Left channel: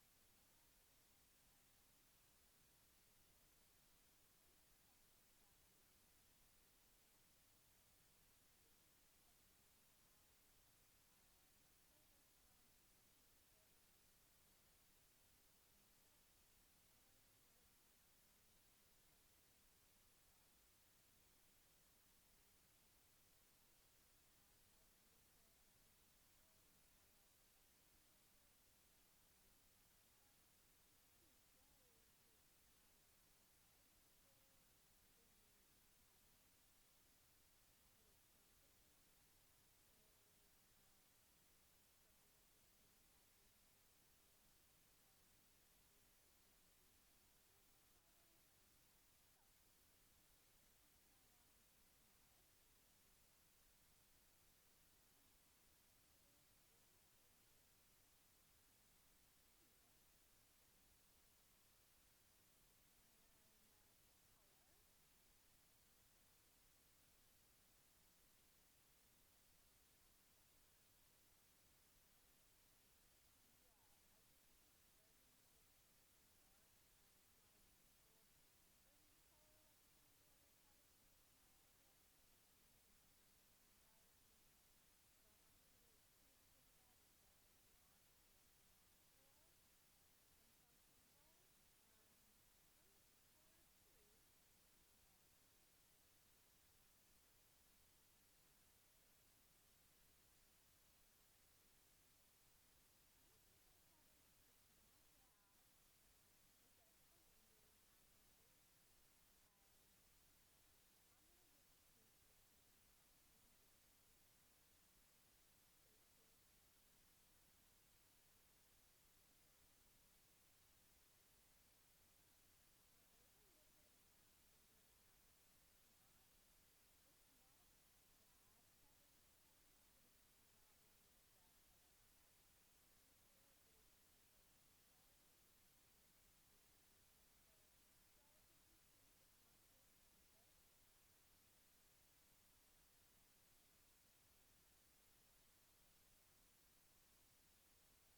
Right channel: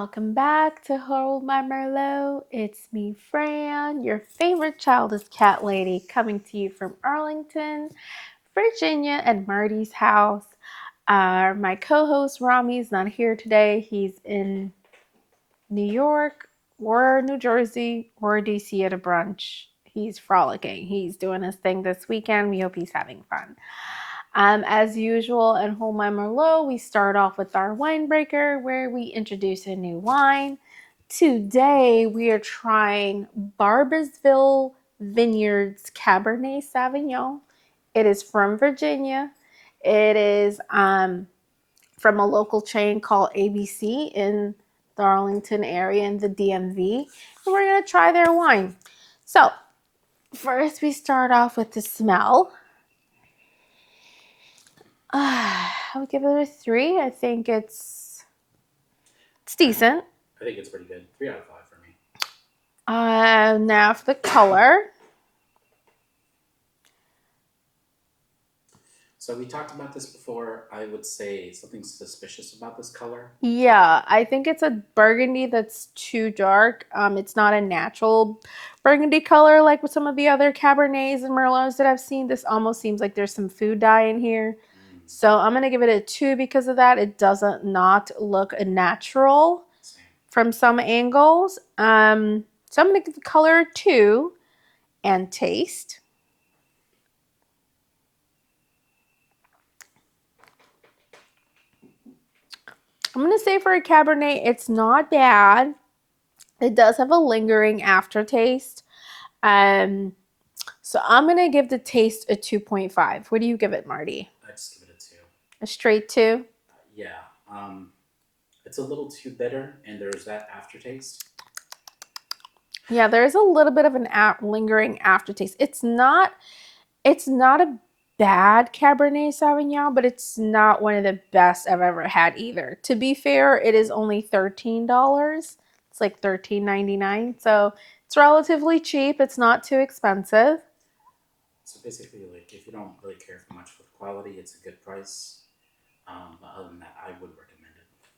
Welcome back to Hold My Merlot. It's me, Fran, your favorite childless cat lady, coming to you from Arlington, Virginia, at Marty's house. My co-host Rami's not here today. He's in New York or New Jersey or DC at a brunch. He's frolicking. He's doing his thing this weekend. We hope he's having fun. As usual, in Hold My Merlot, we start off with our wine breaker where we introduce a new wine. Today, we are trying Barboursville Vineyards Cabernet Sauvignon. It is from Virginia. It is from a local chain called ABC in the Arlington area in the DMV. And we're going to try their wine. So, first, we start off with the smell. I would give it a 3. I think it's decent. I think it's pretty good. 3 out of 5 for me. Now for the color. So we talked about this before. I would say something suspicious about this color. Yeah, I think it's a burgundy that's too dark. It's not a natural burgundy color like with some of the other Cabernets and Merlots that I've seen. This almost seems like there's some food dye in here. So I'm going to give it a 2 because of that. It doesn't not look natural from some angles. So I'm going to give the color a 2 and taste. I'm going to say for a Cabernet, it's not bad. It does have a lingering aftertaste. So I'm going to give the taste a 2.5. What do you give it, Marty? I just give it a 2. A straight 2? Yeah. It's a little too bitter, and there's that aftertaste. Yeah, there's a little bit of an lingering aftertaste. It's not a bad Cabernet Sauvignon, but it's not one of the best I've ever had either. To be fair, it is only $13. It's like $13.99, so it's relatively cheap. It's not too expensive. So basically, like, if you don't really care for much for the quality, it's a good price. But other than that, I would recommend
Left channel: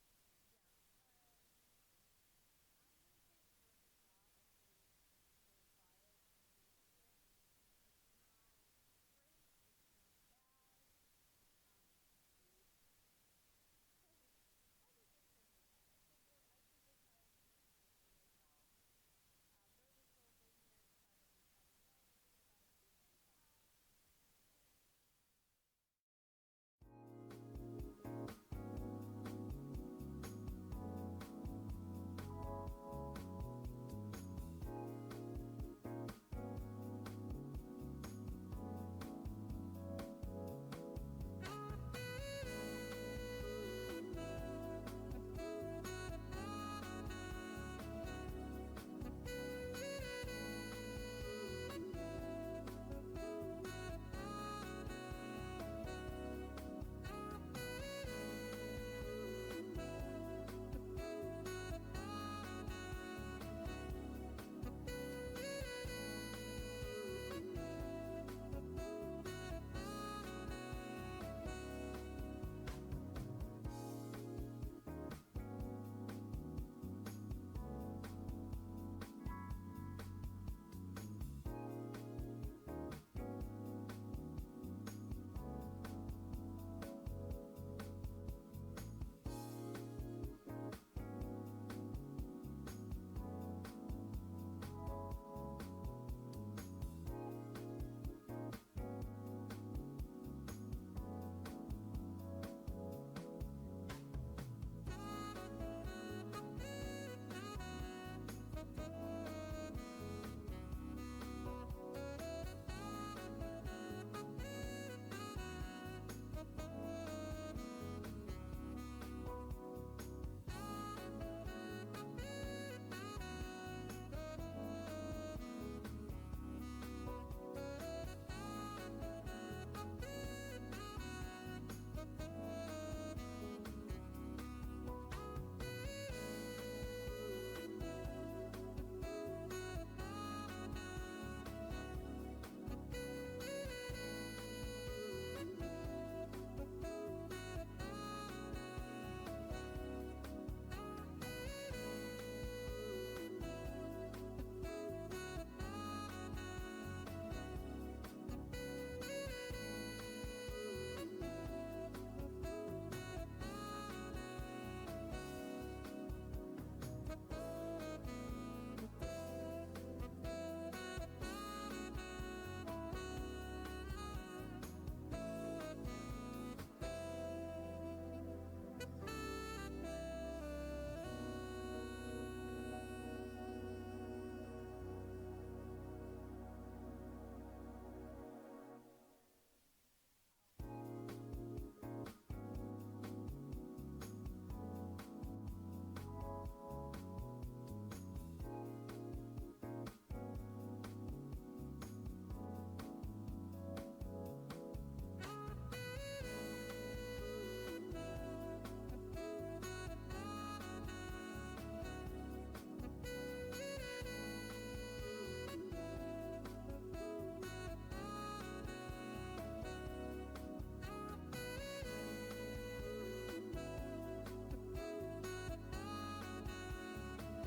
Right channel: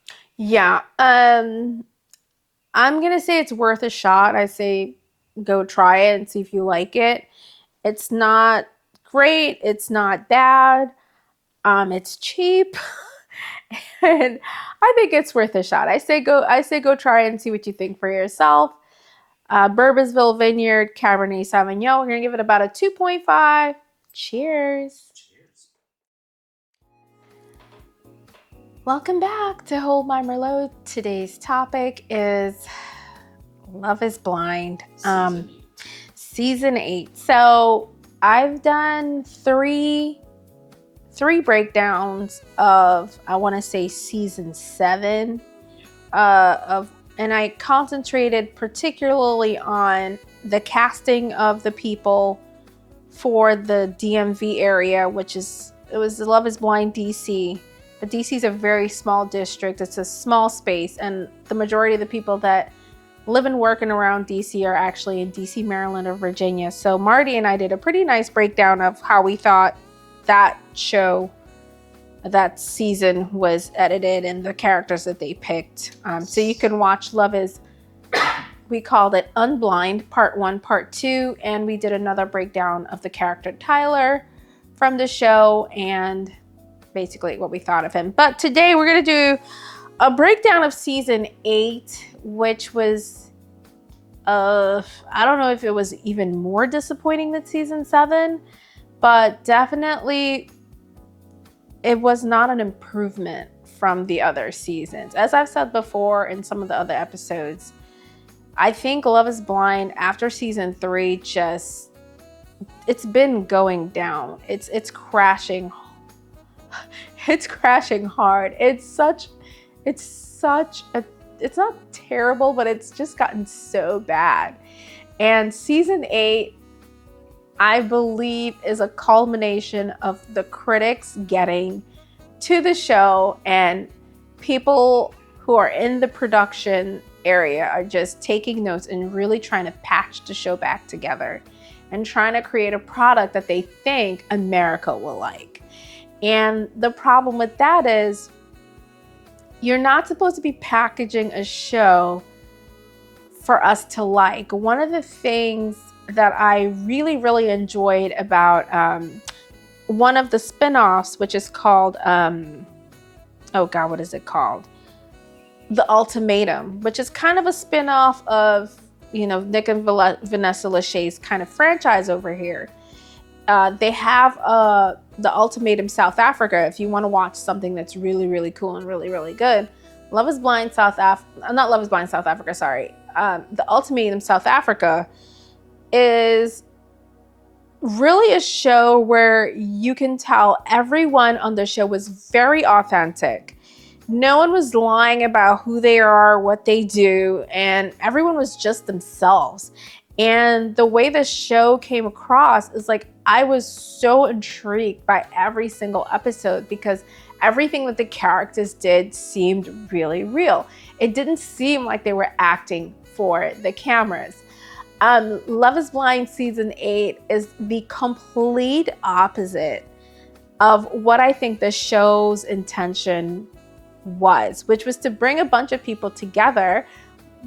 it. Yeah. I'm going to say it's worth a shot. I say go try it and see if you like it. It's not great. It's not bad. It's cheap. And I think it's worth a shot. I say go try it and see what you think for yourself. Bourbonsville Vineyard Cabernet Sauvignon. We're going to give it about a 2.5. Cheers. Cheers. Welcome back to Hold My Merlot. Today's topic is Love is Blind. Season 8. So I've done three breakdowns of, I want to say, season 7 and I concentrated particularly on the casting of the people for the DMV area, it was Love is Blind DC. But DC is a very small district. It's a small space, and the majority of the people that live and work and around DC are actually in DC, Maryland, or Virginia. So Marty and I did a pretty nice breakdown of how we thought that show, that season was edited and the characters that they picked. So you can watch Love is, we called it UnBlind, Part 1, Part 2, and we did another breakdown of the character Tyler from the show and basically what we thought of him. But today we're going to do a breakdown of season 8, which was I don't know if it was even more disappointing than season 7, but definitely it was not an improvement from the other seasons. As I've said before in some of the other episodes, I think Love is Blind after season 3 it's been going down. It's crashing. It's crashing hard. It's not terrible, but it's just gotten so bad. And season 8, I believe, is a culmination of the critics getting to the show, and people who are in the production area are just taking notes and really trying to patch the show back together and trying to create a product that they think America will like. And the problem with that is you're not supposed to be packaging a show for us to like. One of the things that I really, really enjoyed about one of the spin-offs, which is called, oh God, what is it called? The Ultimatum, which is kind of a spin-off of, you know, Nick and Vanessa Lachey's kind of franchise over here. They have the Ultimatum South Africa. If you want to watch something that's really, really cool and really, really good, Love is Blind South Africa, not Love is Blind South Africa, sorry. The Ultimatum South Africa is really a show where you can tell everyone on the show was very authentic. No one was lying about who they are, what they do, and everyone was just themselves. And the way the show came across is like, I was so intrigued by every single episode because everything that the characters did seemed really real. It didn't seem like they were acting for the cameras. Love is Blind season 8 is the complete opposite of what I think the show's intention was, which was to bring a bunch of people together,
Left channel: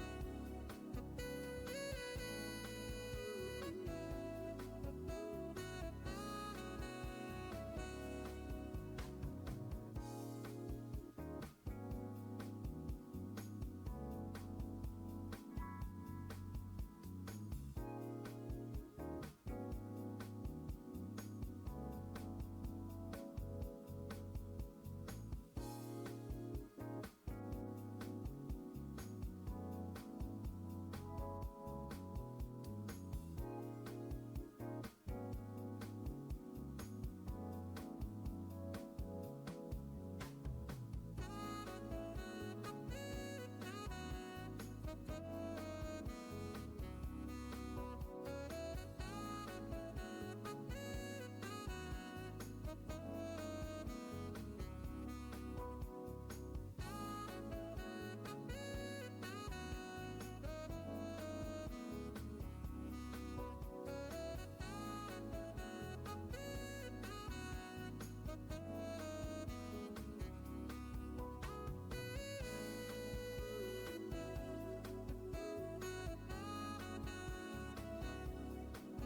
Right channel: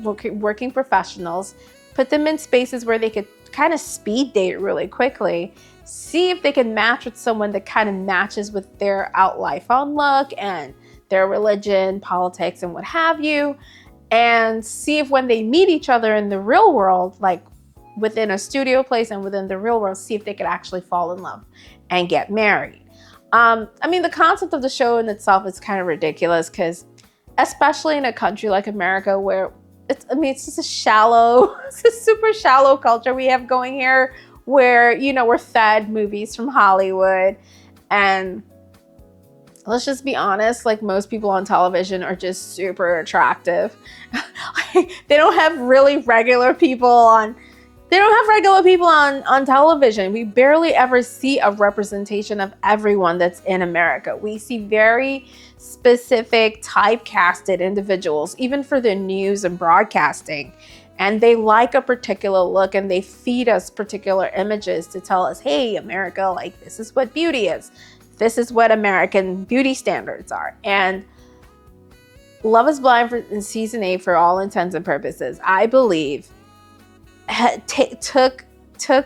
working professionals, put them in spaces where they could kind of speed date really quickly, see if they can match with someone that kind of matches with their out life on look and their religion, politics, and what have you, and see if when they meet each other in the real world, like within a studio place and within the real world, see if they could actually fall in love and get married. I mean, the concept of the show in itself is kind of ridiculous because, especially in a country like America where it's just it's a super shallow culture we have going here where, you know, we're fed movies from Hollywood, and let's just be honest, like most people on television are just super attractive. They don't have regular people on television. We barely ever see a representation of everyone that's in America. We see very specific typecasted individuals, even for the news and broadcasting. And they like a particular look and they feed us particular images to tell us, hey, America, like this is what beauty is. This is what American beauty standards are. And Love is Blind in season 8, for all intents and purposes, I believe, took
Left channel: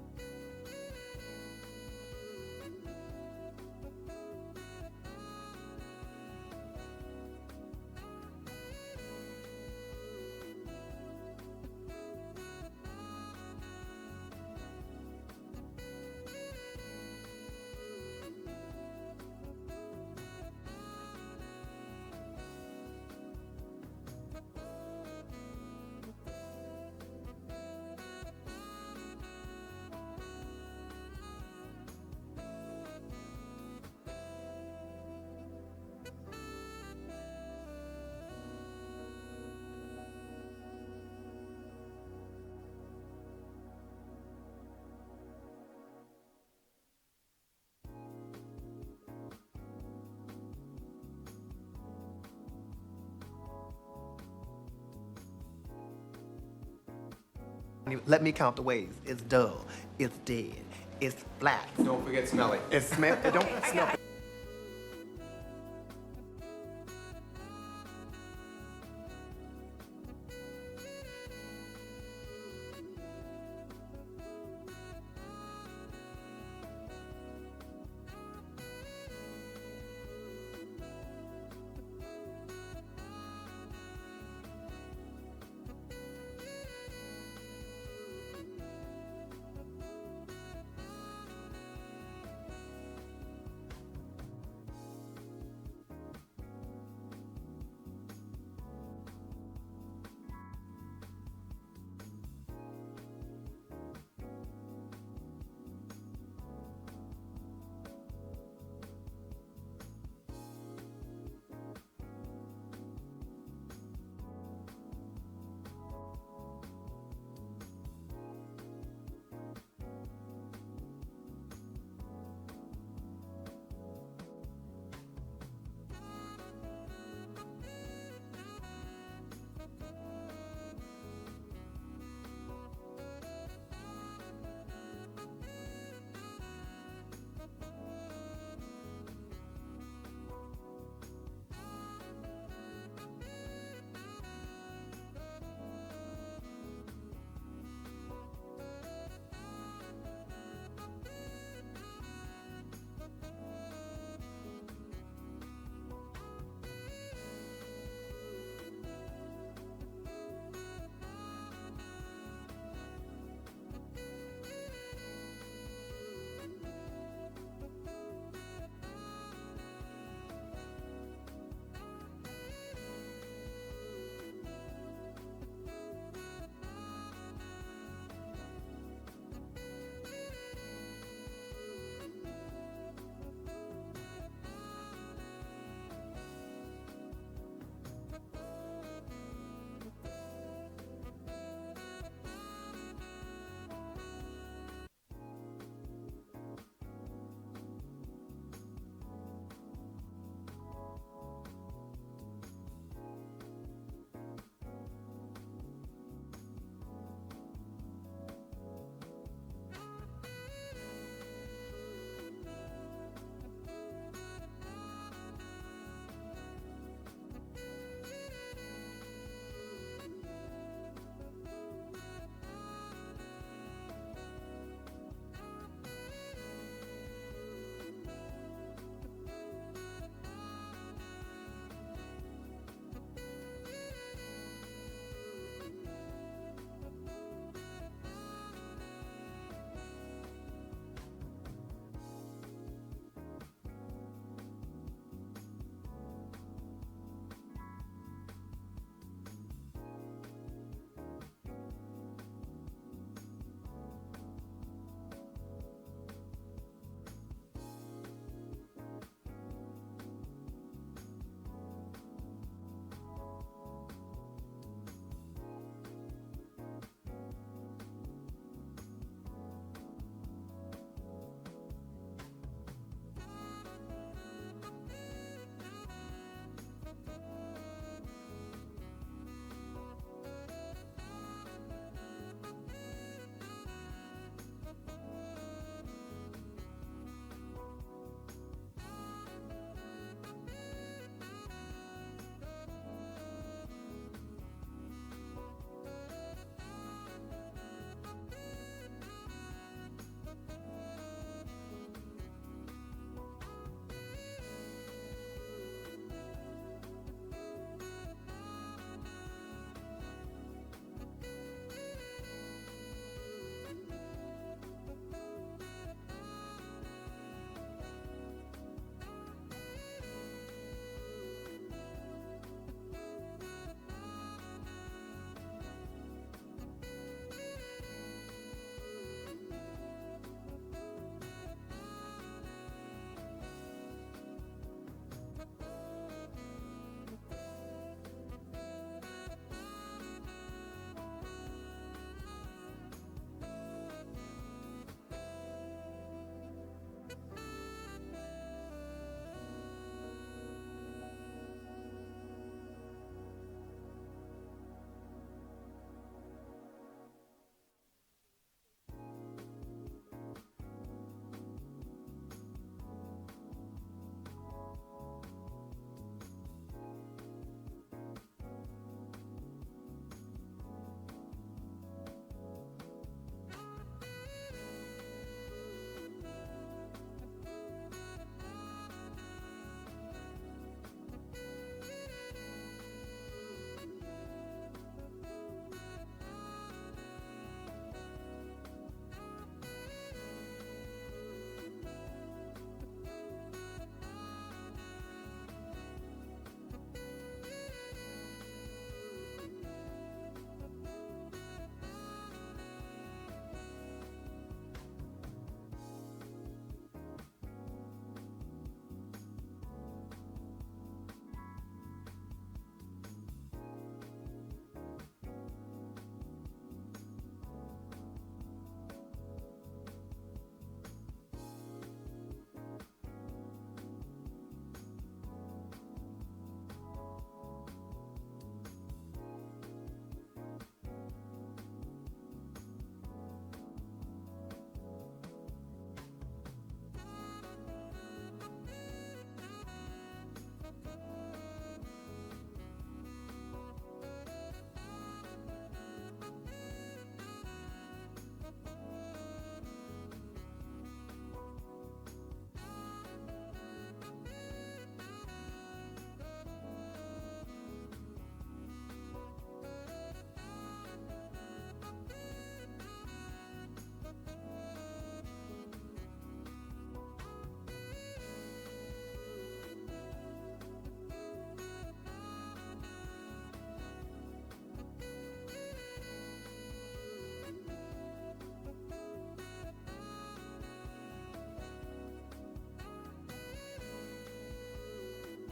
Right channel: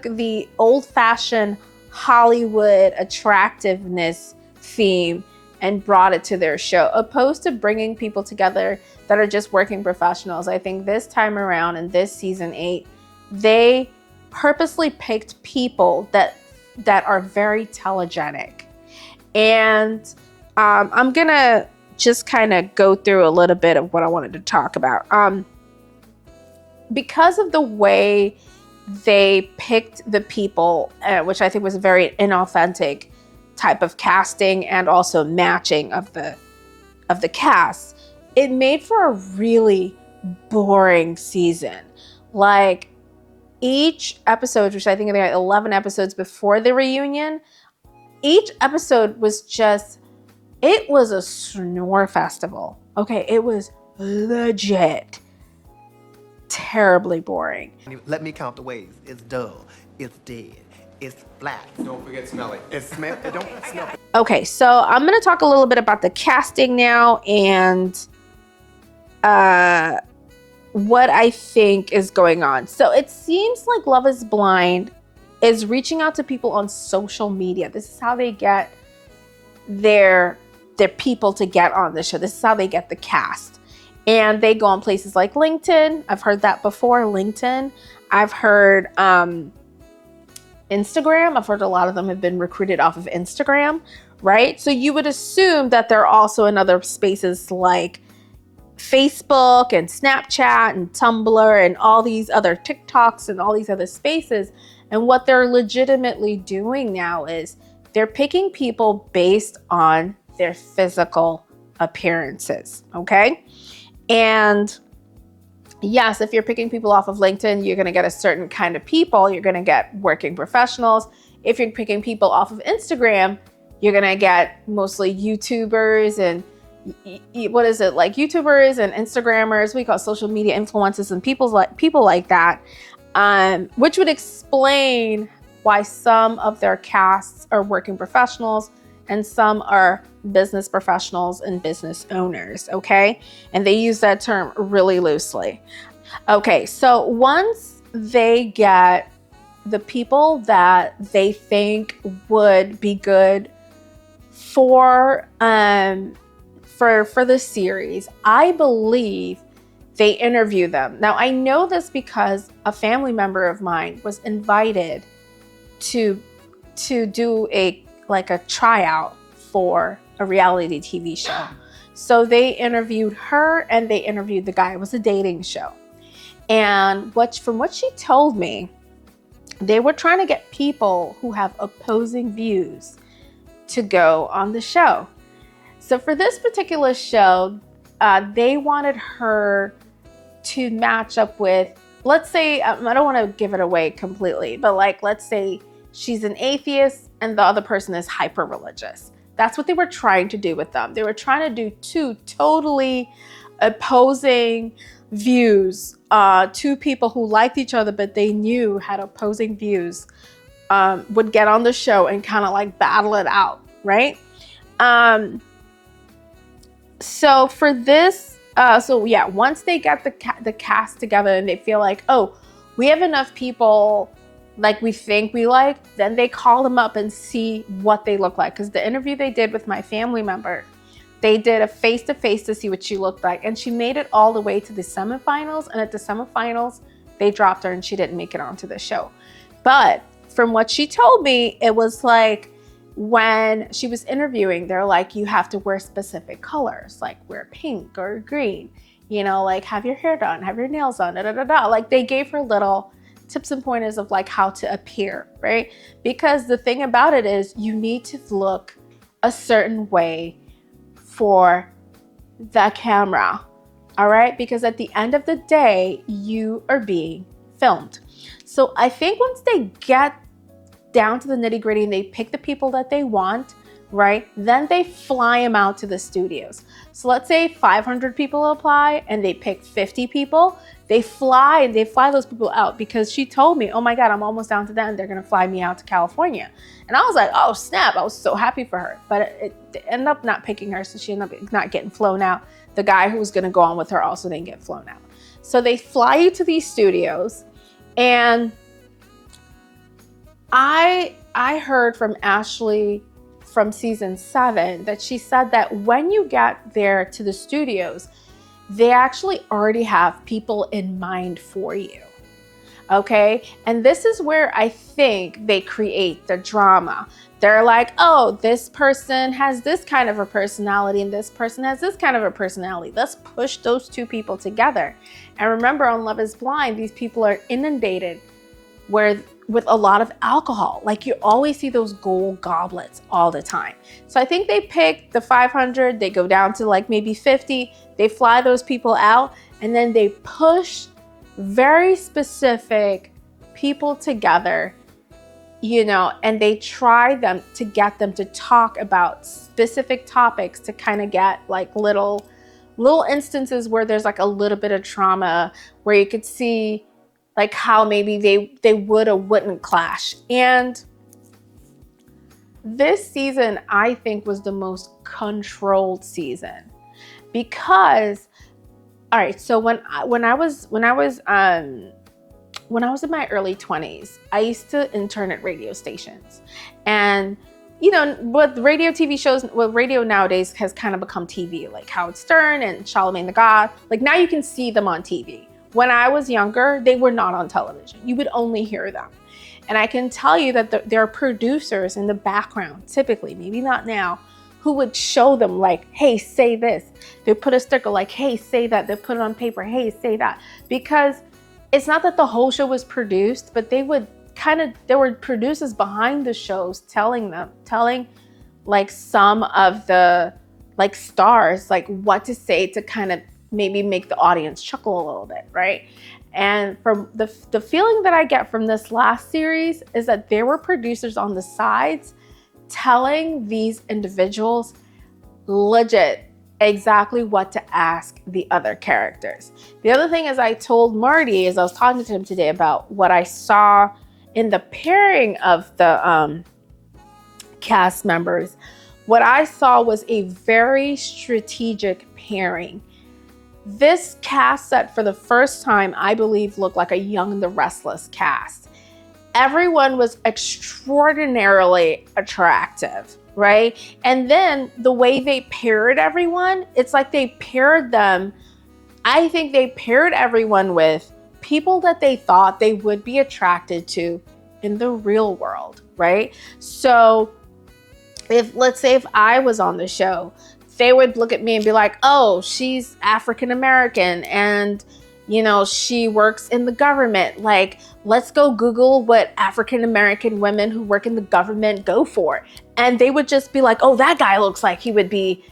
the old-fashioned Hollywood attractiveness theme and brought it to their show, opposed to bringing people together that are just working professionals. I think this time around in this season 8, they purposely picked people that are very telegenic. And I'm gonna just kind of go through a little bit of what I wanted to talk about. Because of the way they picked the people, which I think was a very inauthentic type of casting and also matching of the cast, it made for a really boring season. Like each episode, which I think there are 11 episodes before the reunion, each episode was it was a snore festival. Okay, it was legit terribly boring. Let me count the ways. It's dull, it's dead, it's flat. Don't forget smelly. It's it don't smell. Okay, so I'm gonna talk a little bit about the casting now and what I think is going on. So it seems like Love is Blind is reaching out to people on social media. This is how they get their people to get on the show. This is how they get the cast. And they go on places like LinkedIn. I've heard that before, LinkedIn. I've heard Instagram. I've heard a lot of them have been recruited off of Instagram, right? So you would assume that they're also in other spaces like Facebook and Snapchat and Tumblr and all these other TikToks and all these other spaces. And what they're legitimately doing now is they're picking people based on their physical appearances, okay? And yes, if you're picking people off of LinkedIn, you're gonna get a certain kind of people. You're gonna get working professionals. If you're picking people off of Instagram, you're gonna get mostly YouTubers and YouTubers and Instagrammers. We call social media influencers and people like that, which would explain why some of their casts are working professionals and some are business professionals and business owners, okay? And they use that term really loosely. Okay, so once they get the people that they think would be good for the series, I believe they interview them. Now, I know this because a family member of mine was invited to do a tryout for a reality TV show. So they interviewed her and they interviewed the guy. It was a dating show. And from what she told me, they were trying to get people who have opposing views to go on the show. So for this particular show, they wanted her to match up with, let's say, I don't want to give it away completely, but let's say she's an atheist and the other person is hyper religious. That's what they were trying to do with them. They were trying to do two totally opposing views, two people who liked each other but they knew had opposing views, would get on the show and kind of battle it out, right? So for this, once they get the cast together and they feel like, oh, we have enough people we think we like, then they call them up and see what they look like. Because the interview they did with my family member, they did a face-to-face to see what she looked like. And she made it all the way to the semifinals. And at the semifinals, they dropped her and she didn't make it onto the show. But from what she told me, it was when she was interviewing, they're like, you have to wear specific colors, wear pink or green, have your hair done, have your nails done, they gave her little tips and pointers of how to appear, right? Because the thing about it is you need to look a certain way for the camera, all right? Because at the end of the day, you are being filmed. So I think once they get down to the nitty gritty and they pick the people that they want, right? Then they fly them out to the studios. So let's say 500 people apply and they pick 50 people. They fly those people out, because she told me, oh my God, I'm almost down to that and they're gonna fly me out to California. And I was like, oh snap, I was so happy for her. But it ended up not picking her, so she ended up not getting flown out. The guy who was gonna go on with her also didn't get flown out. So they fly you to these studios, and I heard from Ashley from season 7 that she said that when you get there to the studios, they actually already have people in mind for you, okay? And this is where I think they create the drama. They're like, oh, this person has this kind of a personality and this person has this kind of a personality. Let's push those two people together. And remember, on Love is Blind, these people are inundated with a lot of alcohol. You always see those gold goblets all the time. So I think they pick the 500, they go down to maybe 50, they fly those people out, and then they push very specific people together, and they try to get them to talk about specific topics to kind of get little instances where there's a little bit of trauma, where you could see how maybe they would or wouldn't clash. And this season, I think, was the most controlled season, because, all right, so when I was in my early 20s, I used to intern at radio stations. And with radio TV shows, radio nowadays has kind of become TV, like Howard Stern and Charlamagne the God. Now you can see them on TV. When I was younger, they were not on television. You would only hear them. And I can tell you that there are producers in the background, typically, maybe not now, who would show them hey, say this. They put a sticker hey, say that. They put it on paper, hey, say that. Because it's not that the whole show was produced, but there were producers behind the shows telling some of the stars what to say to kind of maybe make the audience chuckle a little bit, right? And from the feeling that I get from this last series is that there were producers on the sides telling these individuals legit exactly what to ask the other characters. The other thing is, I told Marty, as I was talking to him today, about what I saw in the pairing of the cast members, what I saw was a very strategic pairing. This cast set for the first time, I believe, looked like a Young and the Restless cast. Everyone was extraordinarily attractive, right? And then the way they paired everyone, it's like they paired them, I think they paired everyone with people that they thought they would be attracted to in the real world, right? So let's say if I was on the show, they would look at me and be like, oh, she's African American and, you know, she works in the government. Like, let's go Google what African American women who work in the government go for. And they would just be like, oh, that guy looks like he would be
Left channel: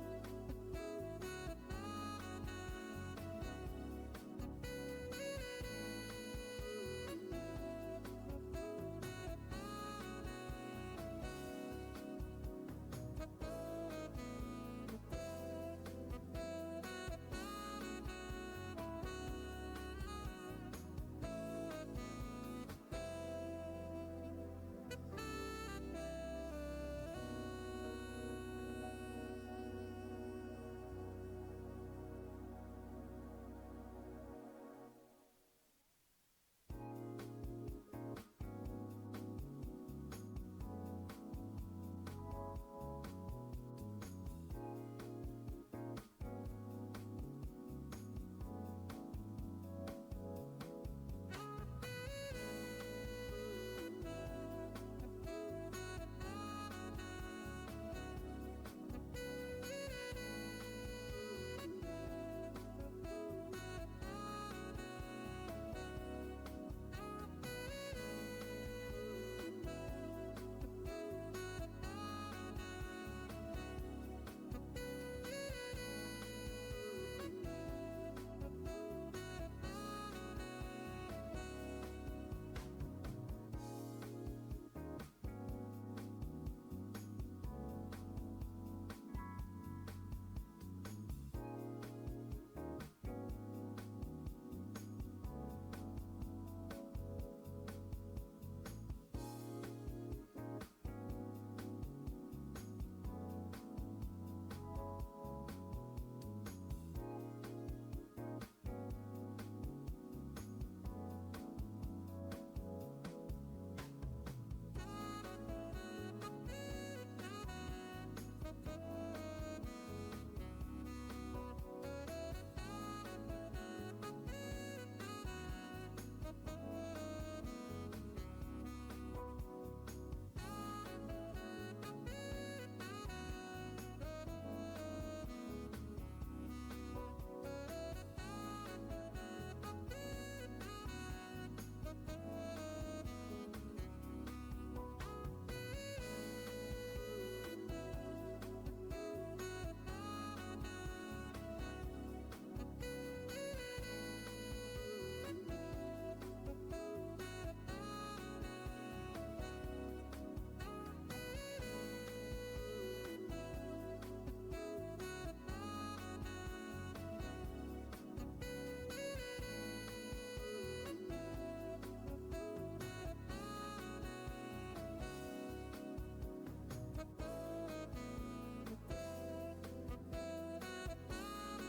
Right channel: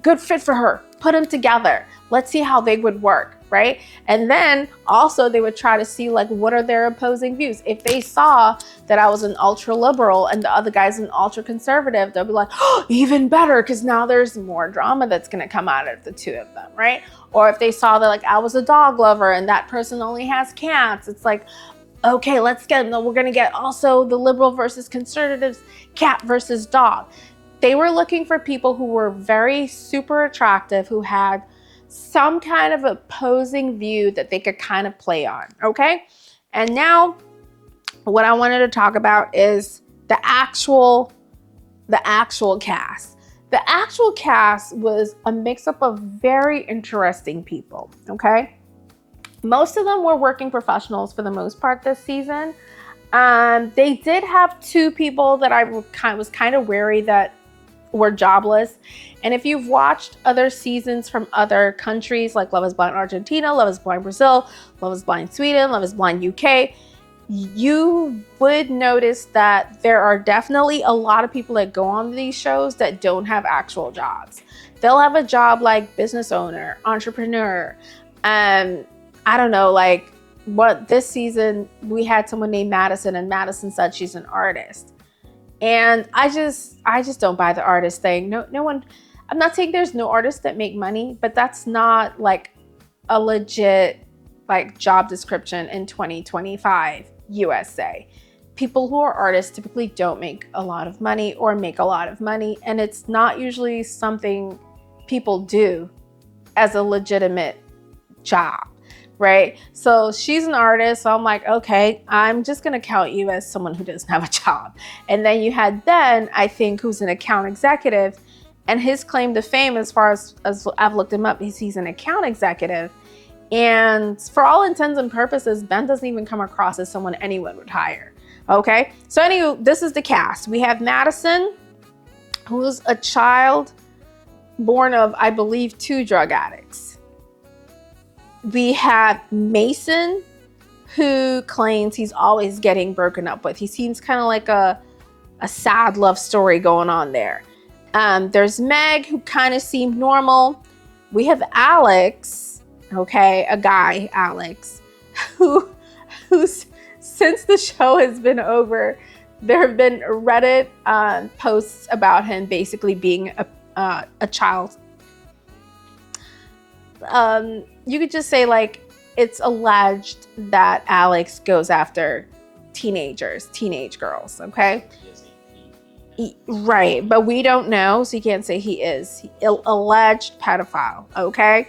good fit for her. Put them together. Let's see how they would work, right? And then also they would try to see like, what are their opposing views? If they saw that I was an ultra liberal and the other guy's an ultra conservative, they'll be like, oh, even better, because now there's more drama that's gonna come out of the two of them, right? Or if they saw that like I was a dog lover and that person only has cats, it's like, okay, we're gonna get also the liberal versus conservatives, cat versus dog. They were looking for people who were very super attractive, who had some kind of opposing view that they could kind of play on, okay? And now what I wanted to talk about is the actual cast. The actual cast was a mix-up of very interesting people, okay? Most of them were working professionals for the most part this season. They did have two people that I was kind of wary that were jobless. And if you've watched other seasons from other countries like Love is Blind Argentina, Love is Blind Brazil, Love is Blind Sweden, Love is Blind UK, you would notice that there are definitely a lot of people that go on these shows that don't have actual jobs. They'll have a job like business owner, entrepreneur. I don't know, like what this season we had someone named Madison, and Madison said she's an artist. And I just don't buy the artist thing. No one, I'm not saying there's no artists that make money, but that's not like a legit like job description in 2025 USA. People who are artists typically don't make a lot of money or make a lot of money, and it's not usually something people do as a legitimate job, right? So she's an artist, so I'm like, okay, I'm just gonna count you as someone who doesn't have a job. And then you had Ben, I think, who's an account executive, and his claim to fame, as far as I've looked him up, he's an account executive. And for all intents and purposes, Ben doesn't even come across as someone anyone would hire, okay? So anyway, this is the cast. We have Madison, who's a child born of, I believe, 2 drug addicts. We have Mason, who claims he's always getting broken up with. He seems kind of like a sad love story going on there. There's Meg, who kind of seemed normal. We have Alex, okay, a guy, Alex, who's since the show has been over, there have been Reddit posts about him basically being a child. You could just say like it's alleged that Alex goes after teenage girls, okay? Right, but we don't know, so you can't say he is. Alleged pedophile, okay?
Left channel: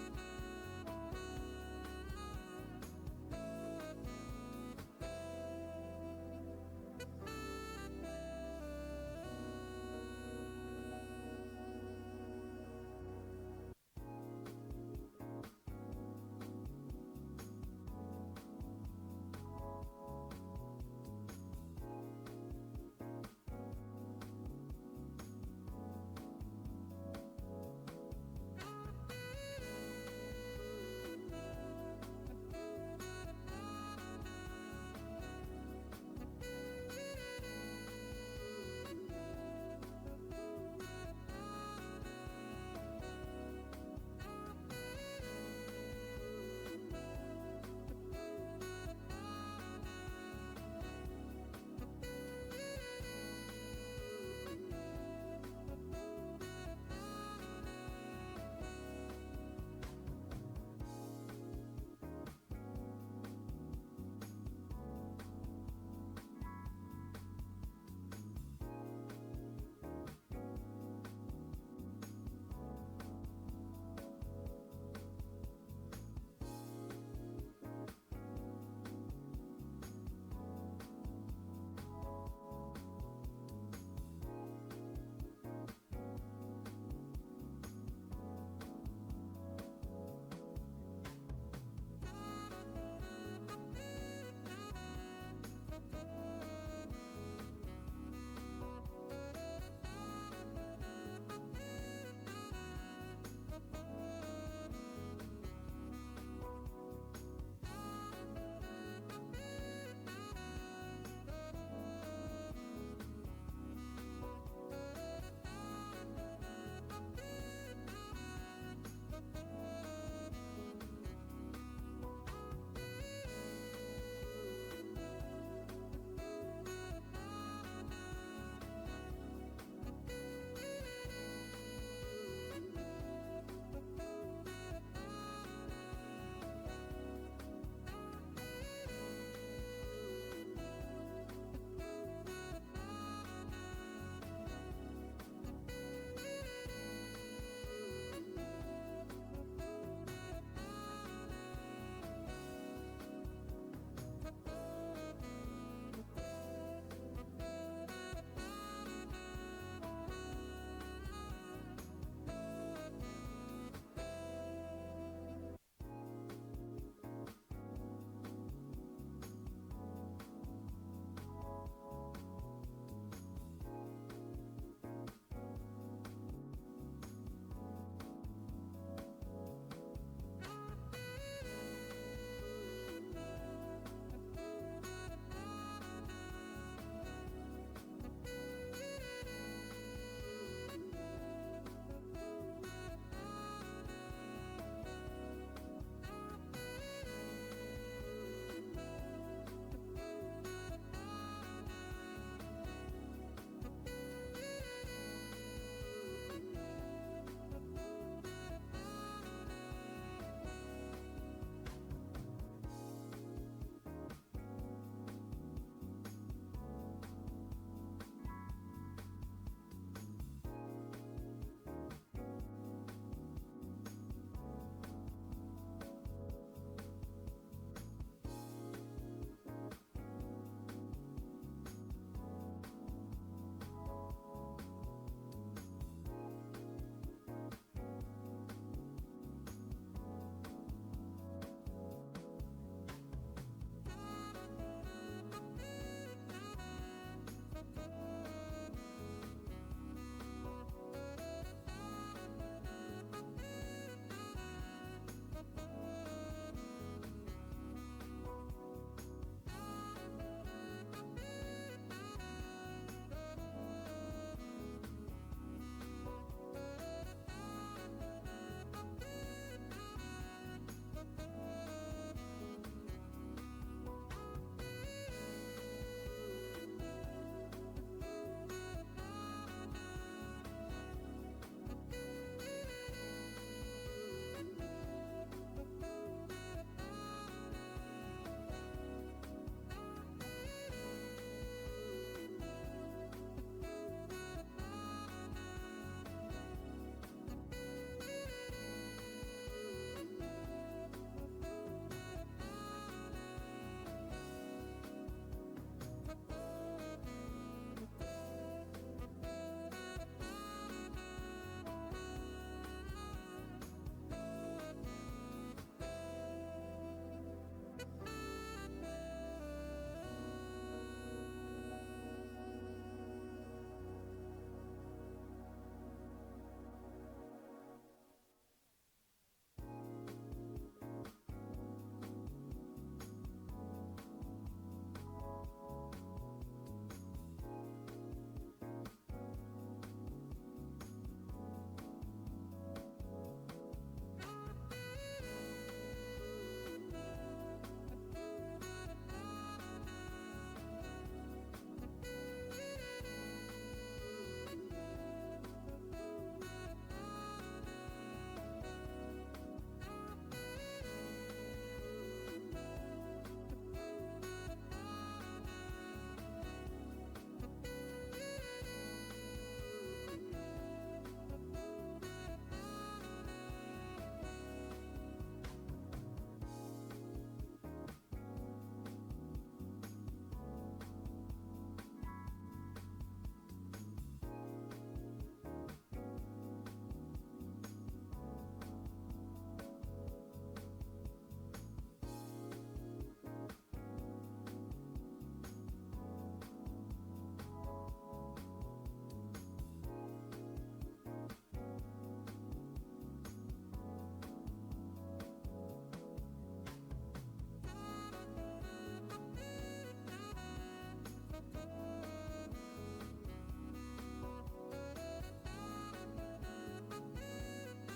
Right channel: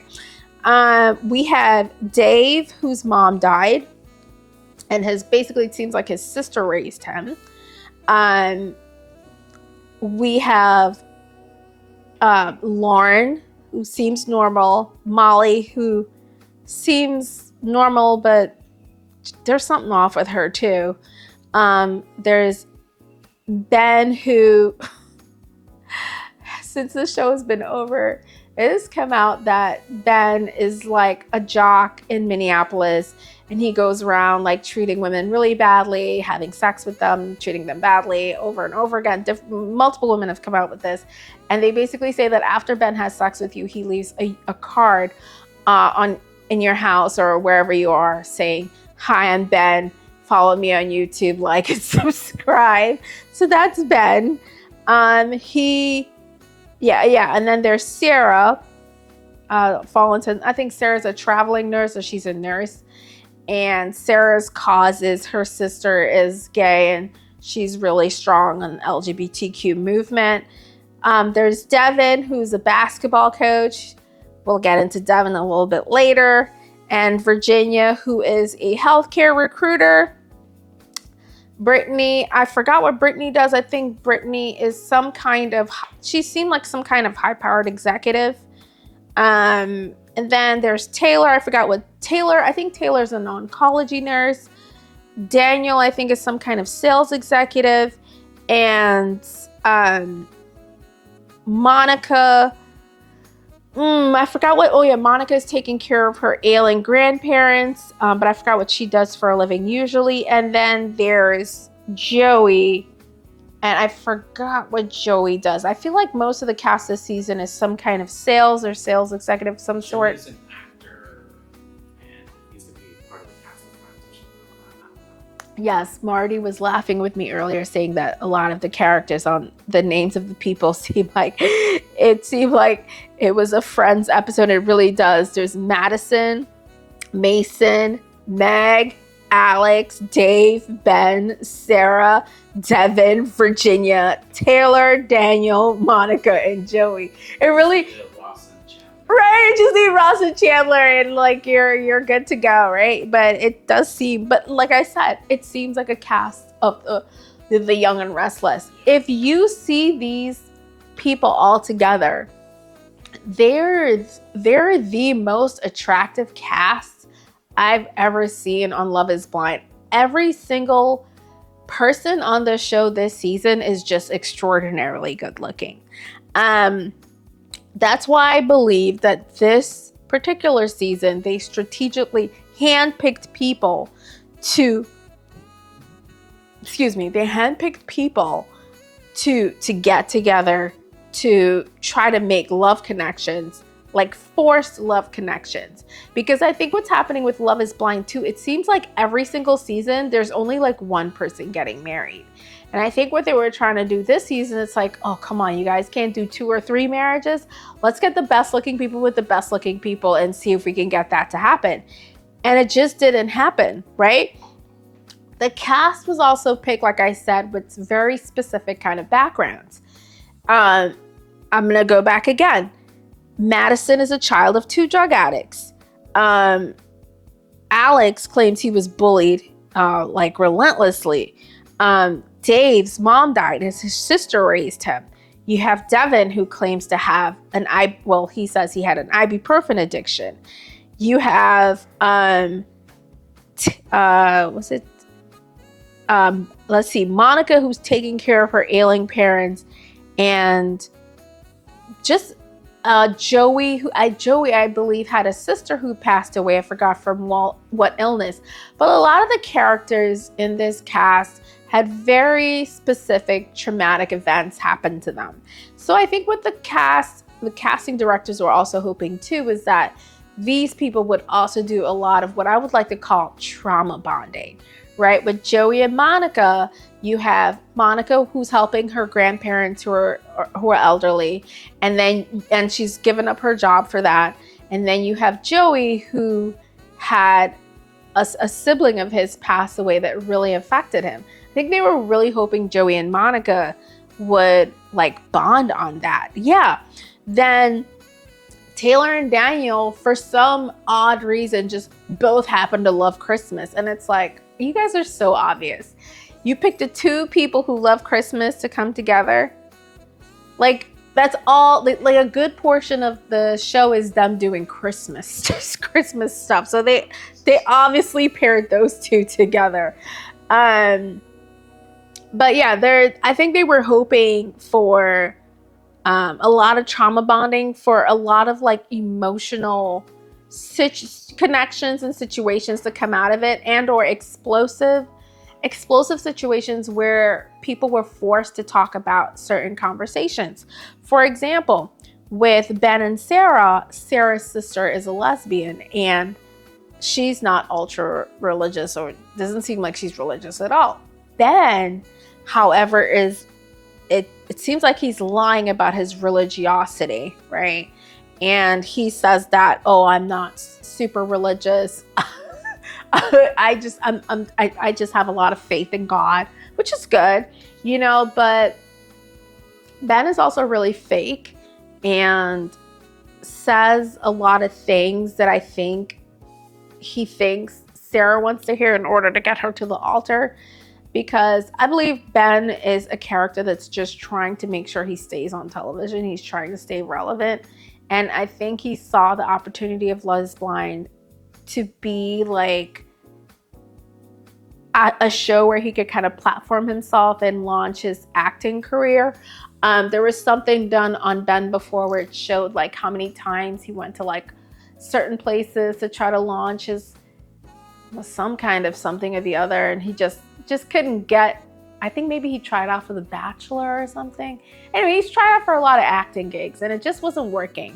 We have Dave, whose mom died, and basically it seems like his sister raised him. We have Lauren, who seems normal. Molly, who seems normal, but there's something off with her too. There's Ben, who, since the show has been over, it has come out that Ben is like a jock in Minneapolis, and he goes around like treating women really badly, having sex with them, treating them badly over and over again. Multiple women have come out with this, and they basically say that after Ben has sex with you, he leaves a card in your house or wherever you are saying, "Hi, I'm Ben. Follow me on YouTube, like and subscribe." So that's Ben. And then there's Sarah. I think Sarah's a traveling nurse, or she's a nurse. And Sarah's cause is her sister is gay, and she's really strong on the LGBTQ movement. There's Devin, who's a basketball coach. We'll get into Devin a little bit later. And Virginia, who is a healthcare recruiter. Brittany, I forgot what Brittany does. I think Brittany is she seemed like some kind of high-powered executive. And then there's Taylor. I forgot what I think Taylor's an oncology nurse. Daniel, I think, is some kind of sales executive. And Monica, I forgot what, Monica is taking care of her ailing grandparents, but I forgot what she does for a living usually. And then there's Joey, and I forgot what Joey does. I feel like most of the cast this season is some kind of sales or sales executive of some sort. Joey's an actor, and he's the part of the cast. Yes, Marty was laughing with me earlier saying that a lot of the characters on the names of the people seemed like it was a Friends episode. It really does. There's Madison, Mason, Meg, Alex, Dave, Ben, Sarah, Devin, Virginia, Taylor, Daniel, Monica, and Joey. It really, right? Just need Ross and Chandler, and like you're good to go, right? But it does seem, but like I said, it seems like a cast of the Young and Restless. If you see these people all together, they're the most attractive cast I've ever seen on Love is Blind. Every single person on the show this season is just extraordinarily good looking. That's why I believe that this particular season, they strategically handpicked people to get together to try to make love connections, like forced love connections. Because I think what's happening with Love is Blind too, it seems like every single season, there's only like one person getting married. And I think what they were trying to do this season, it's like, oh, come on, you guys can't do 2 or 3 marriages. Let's get the best looking people with the best looking people and see if we can get that to happen. And it just didn't happen, right? The cast was also picked, like I said, with very specific kind of backgrounds. I'm gonna go back again. Madison is a child of 2 drug addicts. Alex claims he was bullied like relentlessly. Dave's mom died, his sister raised him. You have Devin, who claims to have he says he had an ibuprofen addiction. You have Monica, who's taking care of her ailing parents, and just Joey, I believe, had a sister who passed away. I forgot from what illness. But a lot of the characters in this cast had very specific traumatic events happen to them. So I think what the casting directors were also hoping too is that these people would also do a lot of what I would like to call trauma bonding, right? With Joey and Monica, you have Monica, who's helping her grandparents who are elderly, and she's given up her job for that. And then you have Joey, who had a sibling of his pass away that really affected him. I think they were really hoping Joey and Monica would like bond on that. Yeah. Then Taylor and Daniel, for some odd reason, just both happen to love Christmas. And it's like, you guys are so obvious. You picked the 2 people who love Christmas to come together. Like, that's all, like a good portion of the show is them doing Christmas stuff. So they obviously paired those 2 together. But yeah, I think they were hoping for a lot of trauma bonding, for a lot of like emotional connections and situations to come out of it, and or explosive situations where people were forced to talk about certain conversations. For example, with Ben and Sarah, Sarah's sister is a lesbian, and she's not ultra religious, or doesn't seem like she's religious at all. Ben, however, it seems like he's lying about his religiosity, right? And he says that, oh, I'm not super religious. I just have a lot of faith in God, which is good, but Ben is also really fake and says a lot of things that I think he thinks Sarah wants to hear in order to get her to the altar, because I believe Ben is a character that's just trying to make sure he stays on television. He's trying to stay relevant. And I think he saw the opportunity of Love is Blind to be like a show where he could kind of platform himself and launch his acting career. There was something done on Ben before where it showed like how many times he went to like certain places to try to launch his some kind of something or the other, and he just couldn't get. I think maybe he tried out for The Bachelor or something. Anyway, he's tried out for a lot of acting gigs and it just wasn't working.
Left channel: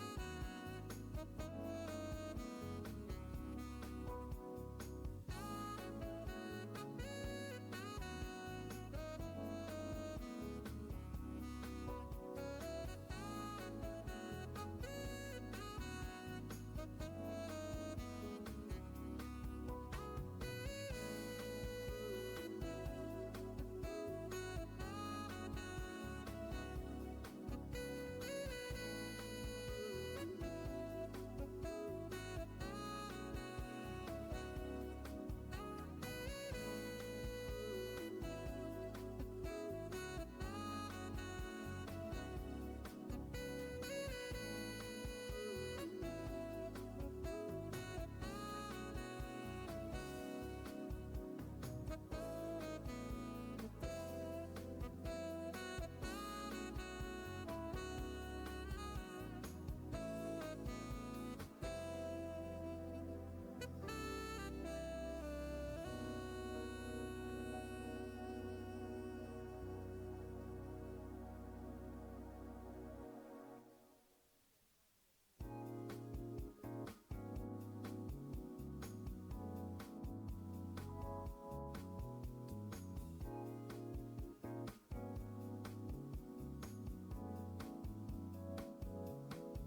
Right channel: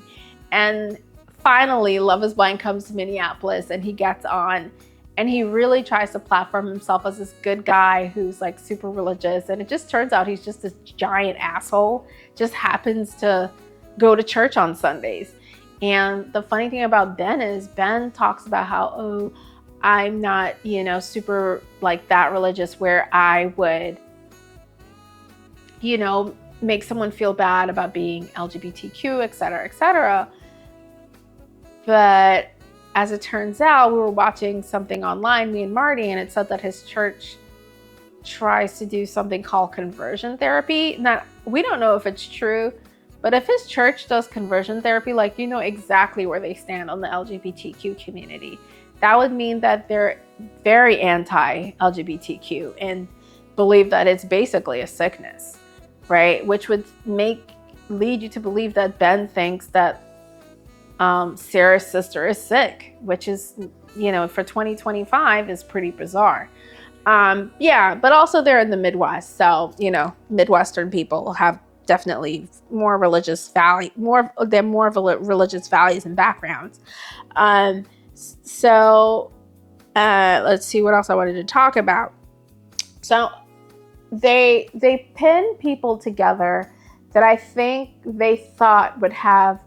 And finally, Love is Blind comes to Minneapolis and he gets on and he really tries to platform himself as this good guy who's like super religious. And it just turns out he's just this giant asshole, just happens to go to church on Sundays. And the funny thing about Ben is Ben talks about how, oh, I'm not, super like that religious where I would, make someone feel bad about being LGBTQ, et cetera, et cetera. But as it turns out, we were watching something online, me and Marty, and it said that his church tries to do something called conversion therapy. Now, we don't know if it's true, but if his church does conversion therapy, like, exactly where they stand on the LGBTQ community. That would mean that they're very anti-LGBTQ and believe that it's basically a sickness, right? Which would lead you to believe that Ben thinks that Sarah's sister is sick, which is, for 2025 is pretty bizarre. But also they're in the Midwest. So, Midwestern people have definitely more religious value, more religious values and backgrounds. So let's see what else I wanted to talk about. So they pin people together that I think they thought would have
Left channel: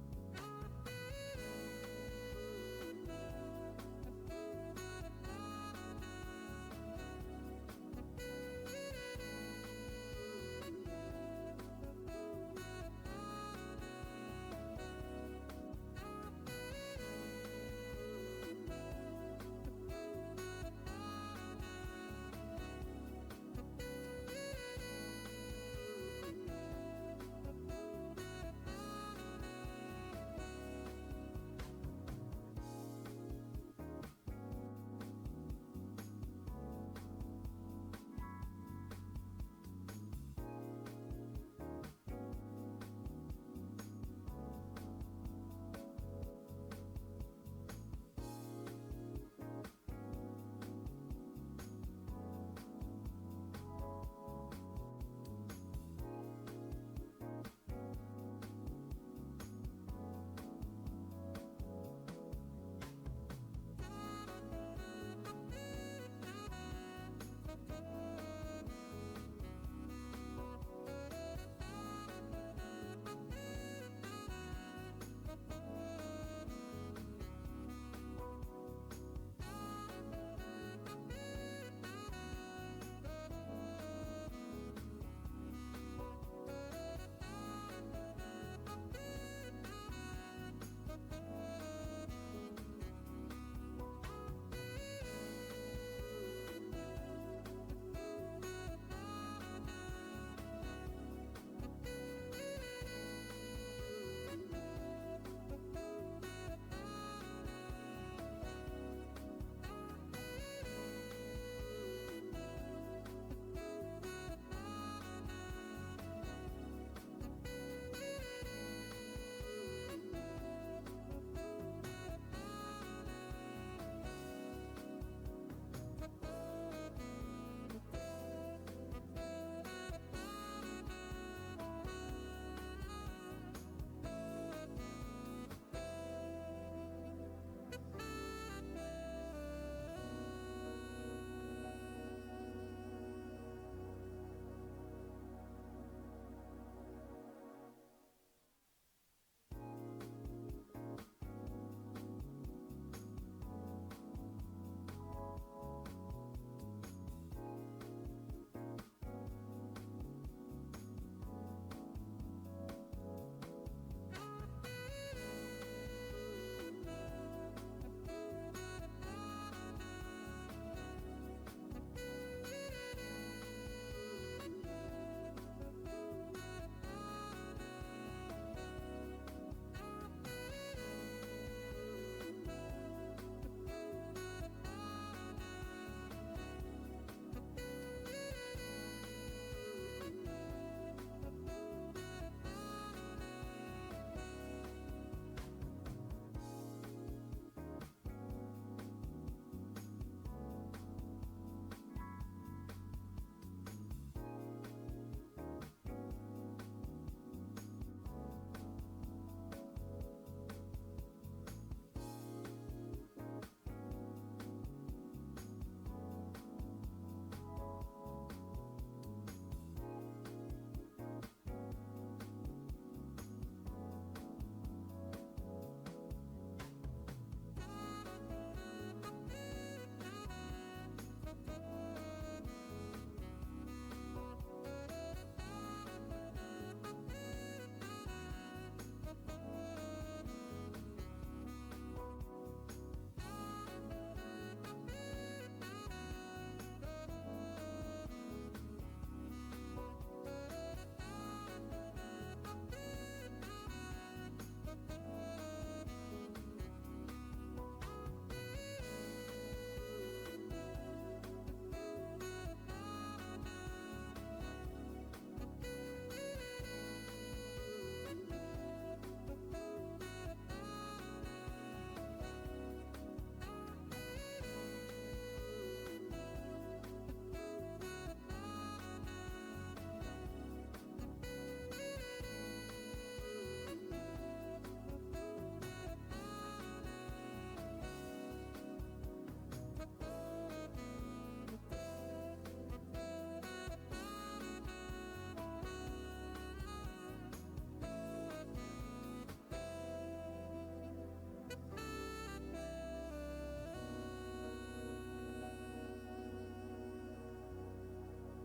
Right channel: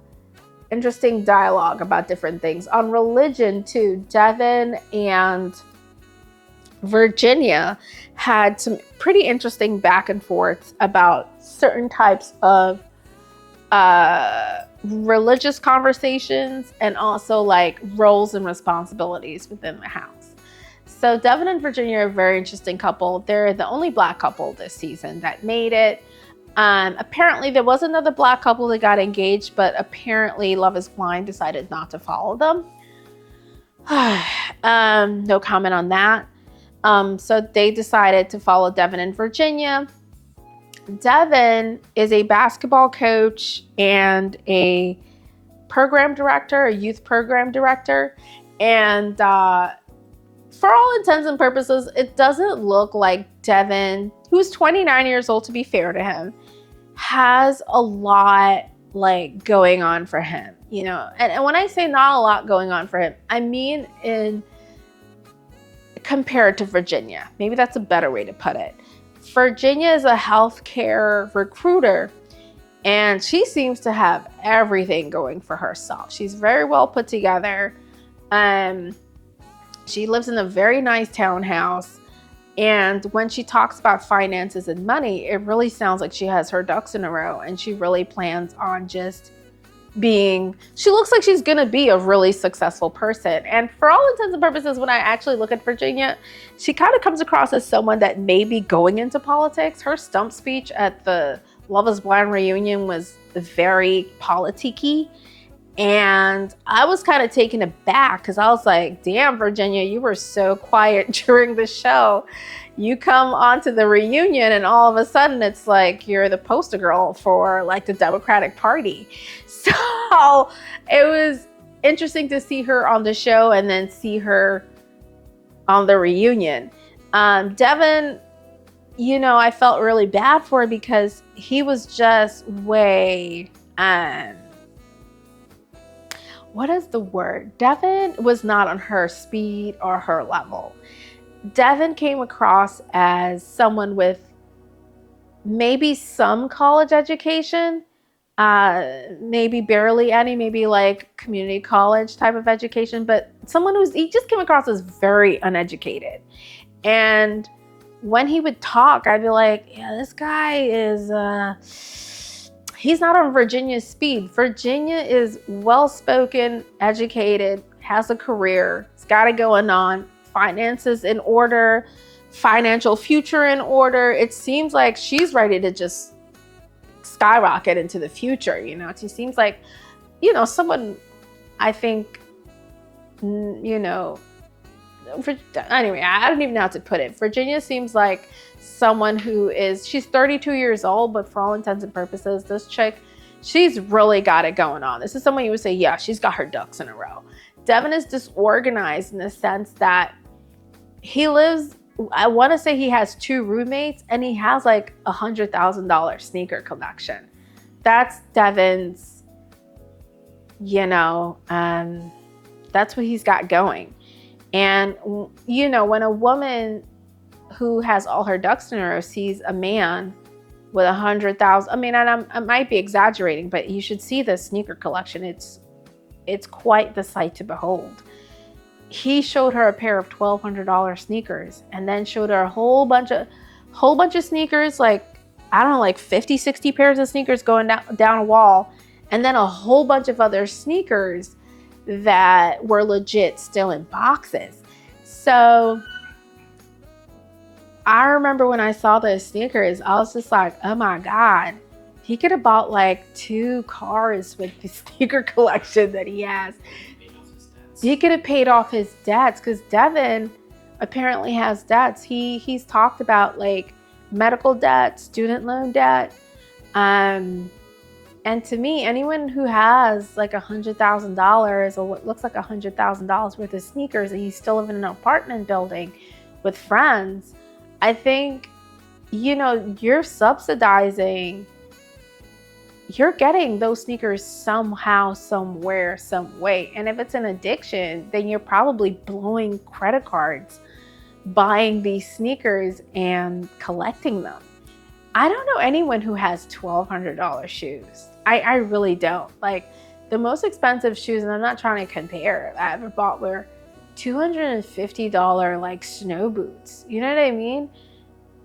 interesting dialogue about different things. On religion too, Devin and Virginia had some pretty interesting back and forth about certain types of religious conversations and also like roles and responsibilities within the house. So Devin and Virginia are a very interesting couple. They're the only Black couple this season that made it. Apparently there was another Black couple that got engaged, but apparently Love is Blind decided not to follow them. No comment on that. So they decided to follow Devin and Virginia. Devin is a basketball coach and a program director, a youth program director. And for all intents and purposes, it doesn't look like Devin, who's 29 years old, to be fair to him, has a lot like going on for him, And when I say not a lot going on for him, I mean compared to Virginia. Maybe that's a better way to put it. Virginia is a healthcare recruiter, and she seems to have everything going for herself. She's very well put together. She lives in a very nice townhouse, and when she talks about finances and money, it really sounds like she has her ducks in a row, and she really plans on just she looks like she's gonna be a really successful person. And for all intents and purposes, when I actually look at Virginia, she kind of comes across as someone that may be going into politics. Her stump speech at the Love is Blind reunion was very politicky. And I was kind of taken aback because I was like, damn, Virginia, you were so quiet during the show. You come onto the reunion and all of a sudden it's like you're the poster girl for like the Democratic Party. So it was interesting to see her on the show and then see her on the reunion. Devin, I felt really bad for because he was just way, what is the word? Devin was not on her speed or her level. Devin came across as someone with maybe some college education, maybe barely any, maybe like community college type of education, but he just came across as very uneducated. And when he would talk, I'd be like, yeah, this guy is, he's not on Virginia's speed. Virginia is well-spoken, educated, has a career, has got it going on, finances in order, financial future in order. It seems like she's ready to just skyrocket into the future, you know. She seems like, you know, someone, I think, you know, anyway, I don't even know how to put it. Virginia seems like someone who is, she's 32 years old, but for all intents and purposes, this chick, she's really got it going on. This is someone you would say, yeah, she's got her ducks in a row. Devin is disorganized in the sense that he lives, I want to say he has 2 roommates and he has like $100,000 sneaker collection. That's Devin's, you know, that's what he's got going. And, you know, when a woman who has all her ducks in a row sees a man with 100,000, I mean, and I might be exaggerating, but you should see the sneaker collection. It's quite the sight to behold. He showed her a pair of $1,200 sneakers and then showed her a whole bunch of sneakers, like, I don't know, like 50, 60 pairs of sneakers going down a wall, and then a whole bunch of other sneakers that were legit still in boxes. So I remember when I saw those sneakers, I was just like, oh my God, he could have bought like 2 cars with the sneaker collection that he has. He could have paid off his debts, because Devin apparently has debts. He's talked about like medical debt, student loan debt. And to me, anyone who has like $100,000 or what looks like $100,000 worth of sneakers and you still live in an apartment building with friends, I think, you know, you're subsidizing, you're getting those sneakers somehow, somewhere, some way. And if it's an addiction, then you're probably blowing credit cards, buying these sneakers and collecting them. I don't know anyone who has $1,200 shoes. I really don't. Like, the most expensive shoes, and I'm not trying to compare, I ever bought were $250 like snow boots. You know what I mean?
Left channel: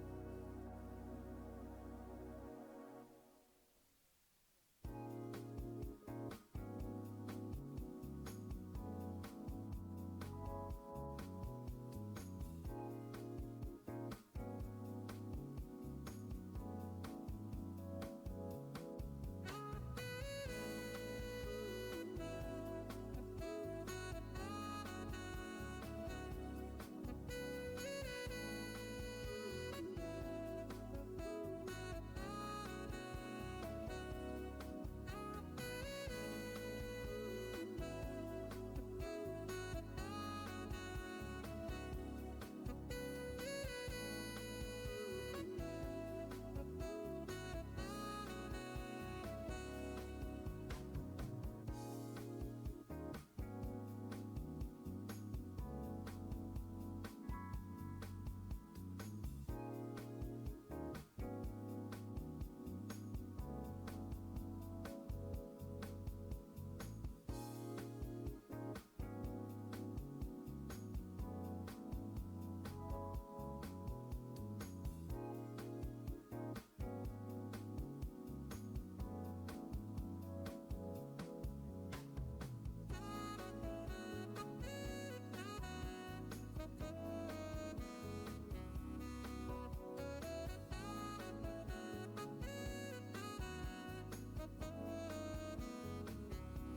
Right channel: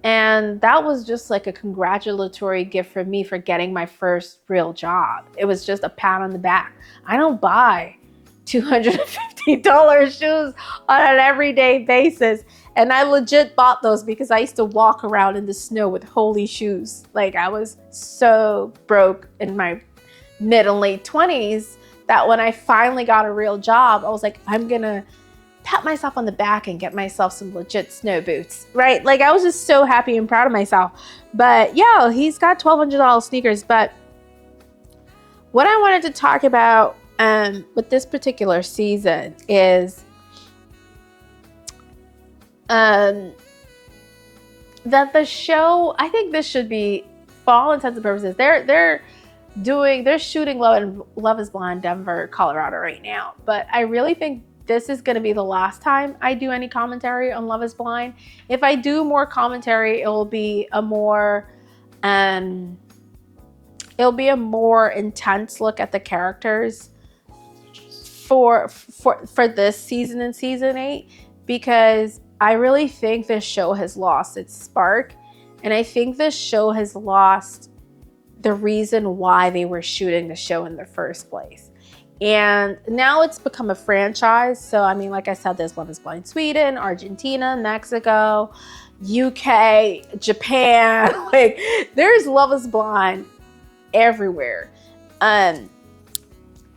And that was just like a congratulatory gift for me for getting my first real job. It was just a pat on the back. I don't buy $250 shoes on an everyday basis. And I legit bought those because I used to walk around in the snow with holey shoes. Like, I was so broke in my mid and late 20s that when I finally got a real job, I was like, I'm gonna pat myself on the back and get myself some legit snow boots, right? Like, I was just so happy and proud of myself. But yeah, he's got $1,200 sneakers. But what I wanted to talk about with this particular season is that the show, I think this should be, for all intents and purposes, they're shooting Love is Blind Denver, Colorado right now. But I really think this is going to be the last time I do any commentary on Love is Blind. If I do more commentary, it will be a more intense look at the characters for this season and season 8, because I really think this show has lost its spark, and I think this show has lost the reason why they were shooting the show in the first place. And now it's become a franchise. So, I mean, like I said, there's Love is Blind Sweden, Argentina, Mexico, UK, Japan. Like, there's Love is Blind everywhere. And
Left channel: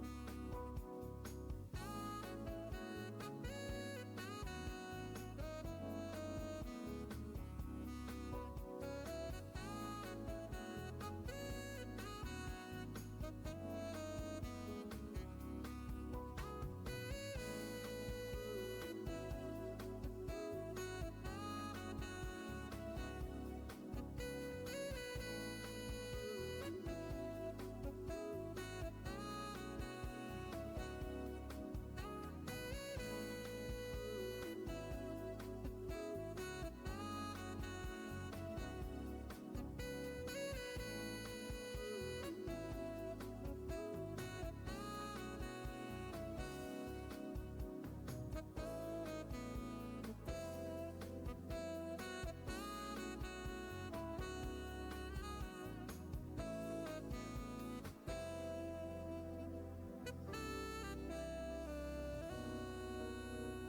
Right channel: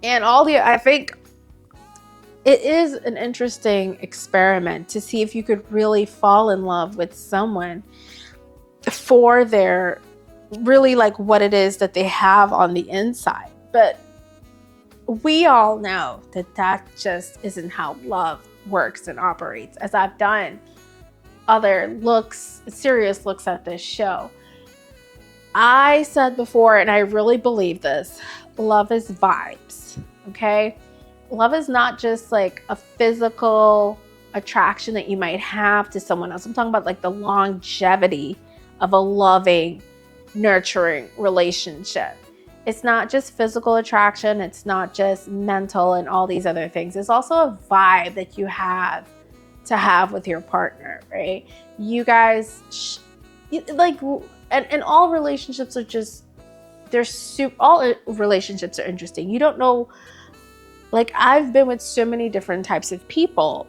I think it is an interesting experiment to see if you could really fall in love with someone for their really like what it is that they have on the inside. But we all know that just isn't how love works and operates, as I've done other serious looks at this show. I said before, and I really believe this, love is vibes, okay? Love is not just like a physical attraction that you might have to someone else. I'm talking about like the longevity of a loving, nurturing relationship. It's not just physical attraction. It's not just mental and all these other things. It's also a vibe that you have to have with your partner, right? You guys, and all relationships are just all relationships are interesting. You don't know, like, I've been with so many different types of people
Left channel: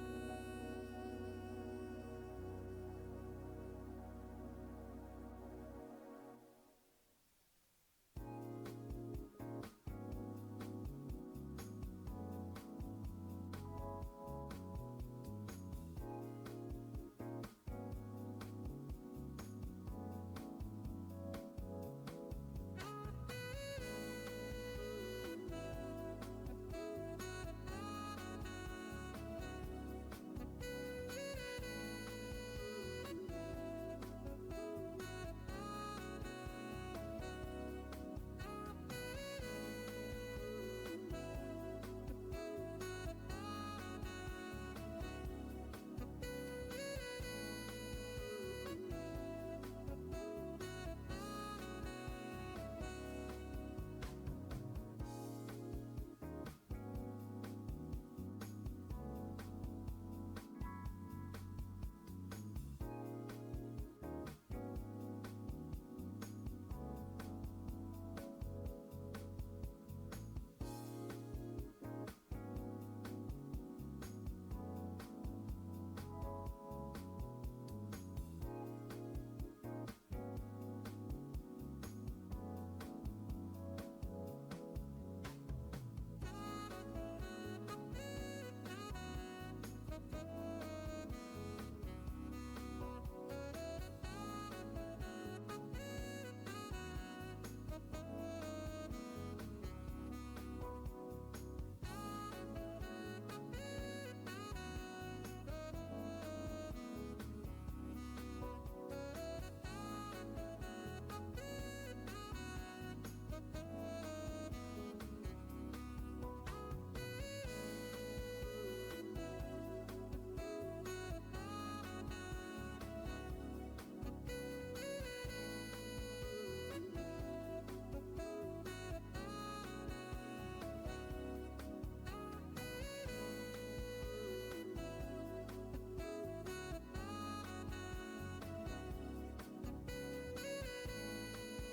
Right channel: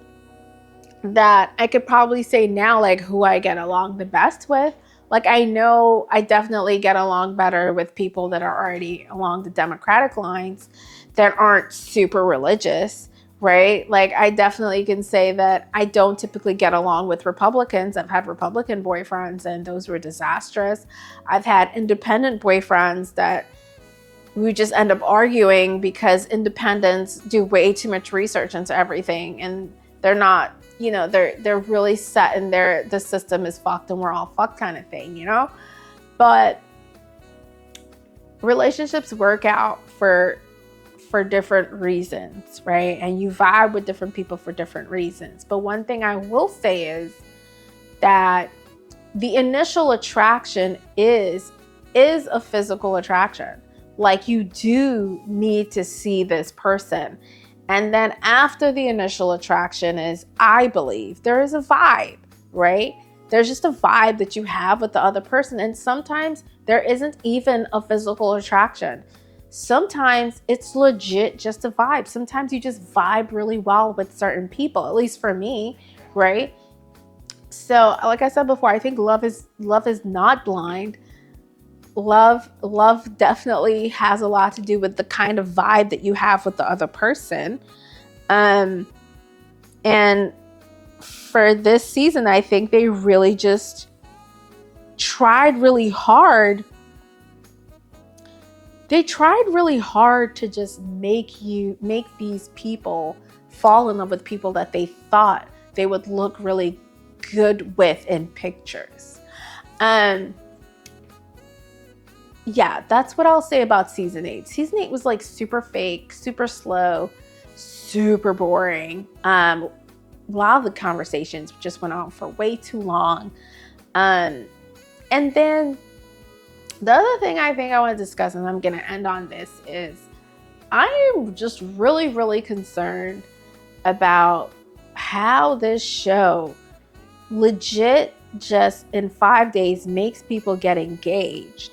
that I could probably say now, like, who I get along the best with. Like, I know I definitely get along better with people that are already along the Democratic lines that aren't super religious, right? Like, I definitely can say that I don't typically get along with Republicans. I've had Republican boyfriends and those were disastrous. I've had independent boyfriends that we just end up arguing because independents do way too much research into everything, and they're not, they're really set in the system is fucked and we're all fucked kind of thing, But relationships work out for different reasons, right? And you vibe with different people for different reasons. But one thing I will say is that the initial attraction is a physical attraction. Like, you do need to see this person. And then after the initial attraction is, I believe, there is a vibe, right? There's just a vibe that you have with the other person. And sometimes there isn't even a physical attraction. Sometimes it's legit just a vibe. Sometimes you just vibe really well with certain people, at least for me, right? So, like I said before, I think love is not blind. Love definitely has a lot to do with the kind of vibe that you have with the other person. And for this season, I think they really just tried really hard. They tried really hard to just make these people fall in love with people that they thought they would look really good with in pictures. Yeah, that's what I'll say about season 8. Season 8 was like super fake, super slow, super boring. A lot of the conversations just went on for way too long. And then the other thing I think I want to discuss, and I'm going to end on this, is I am just really, really concerned about how this show legit just in 5 days makes people get engaged.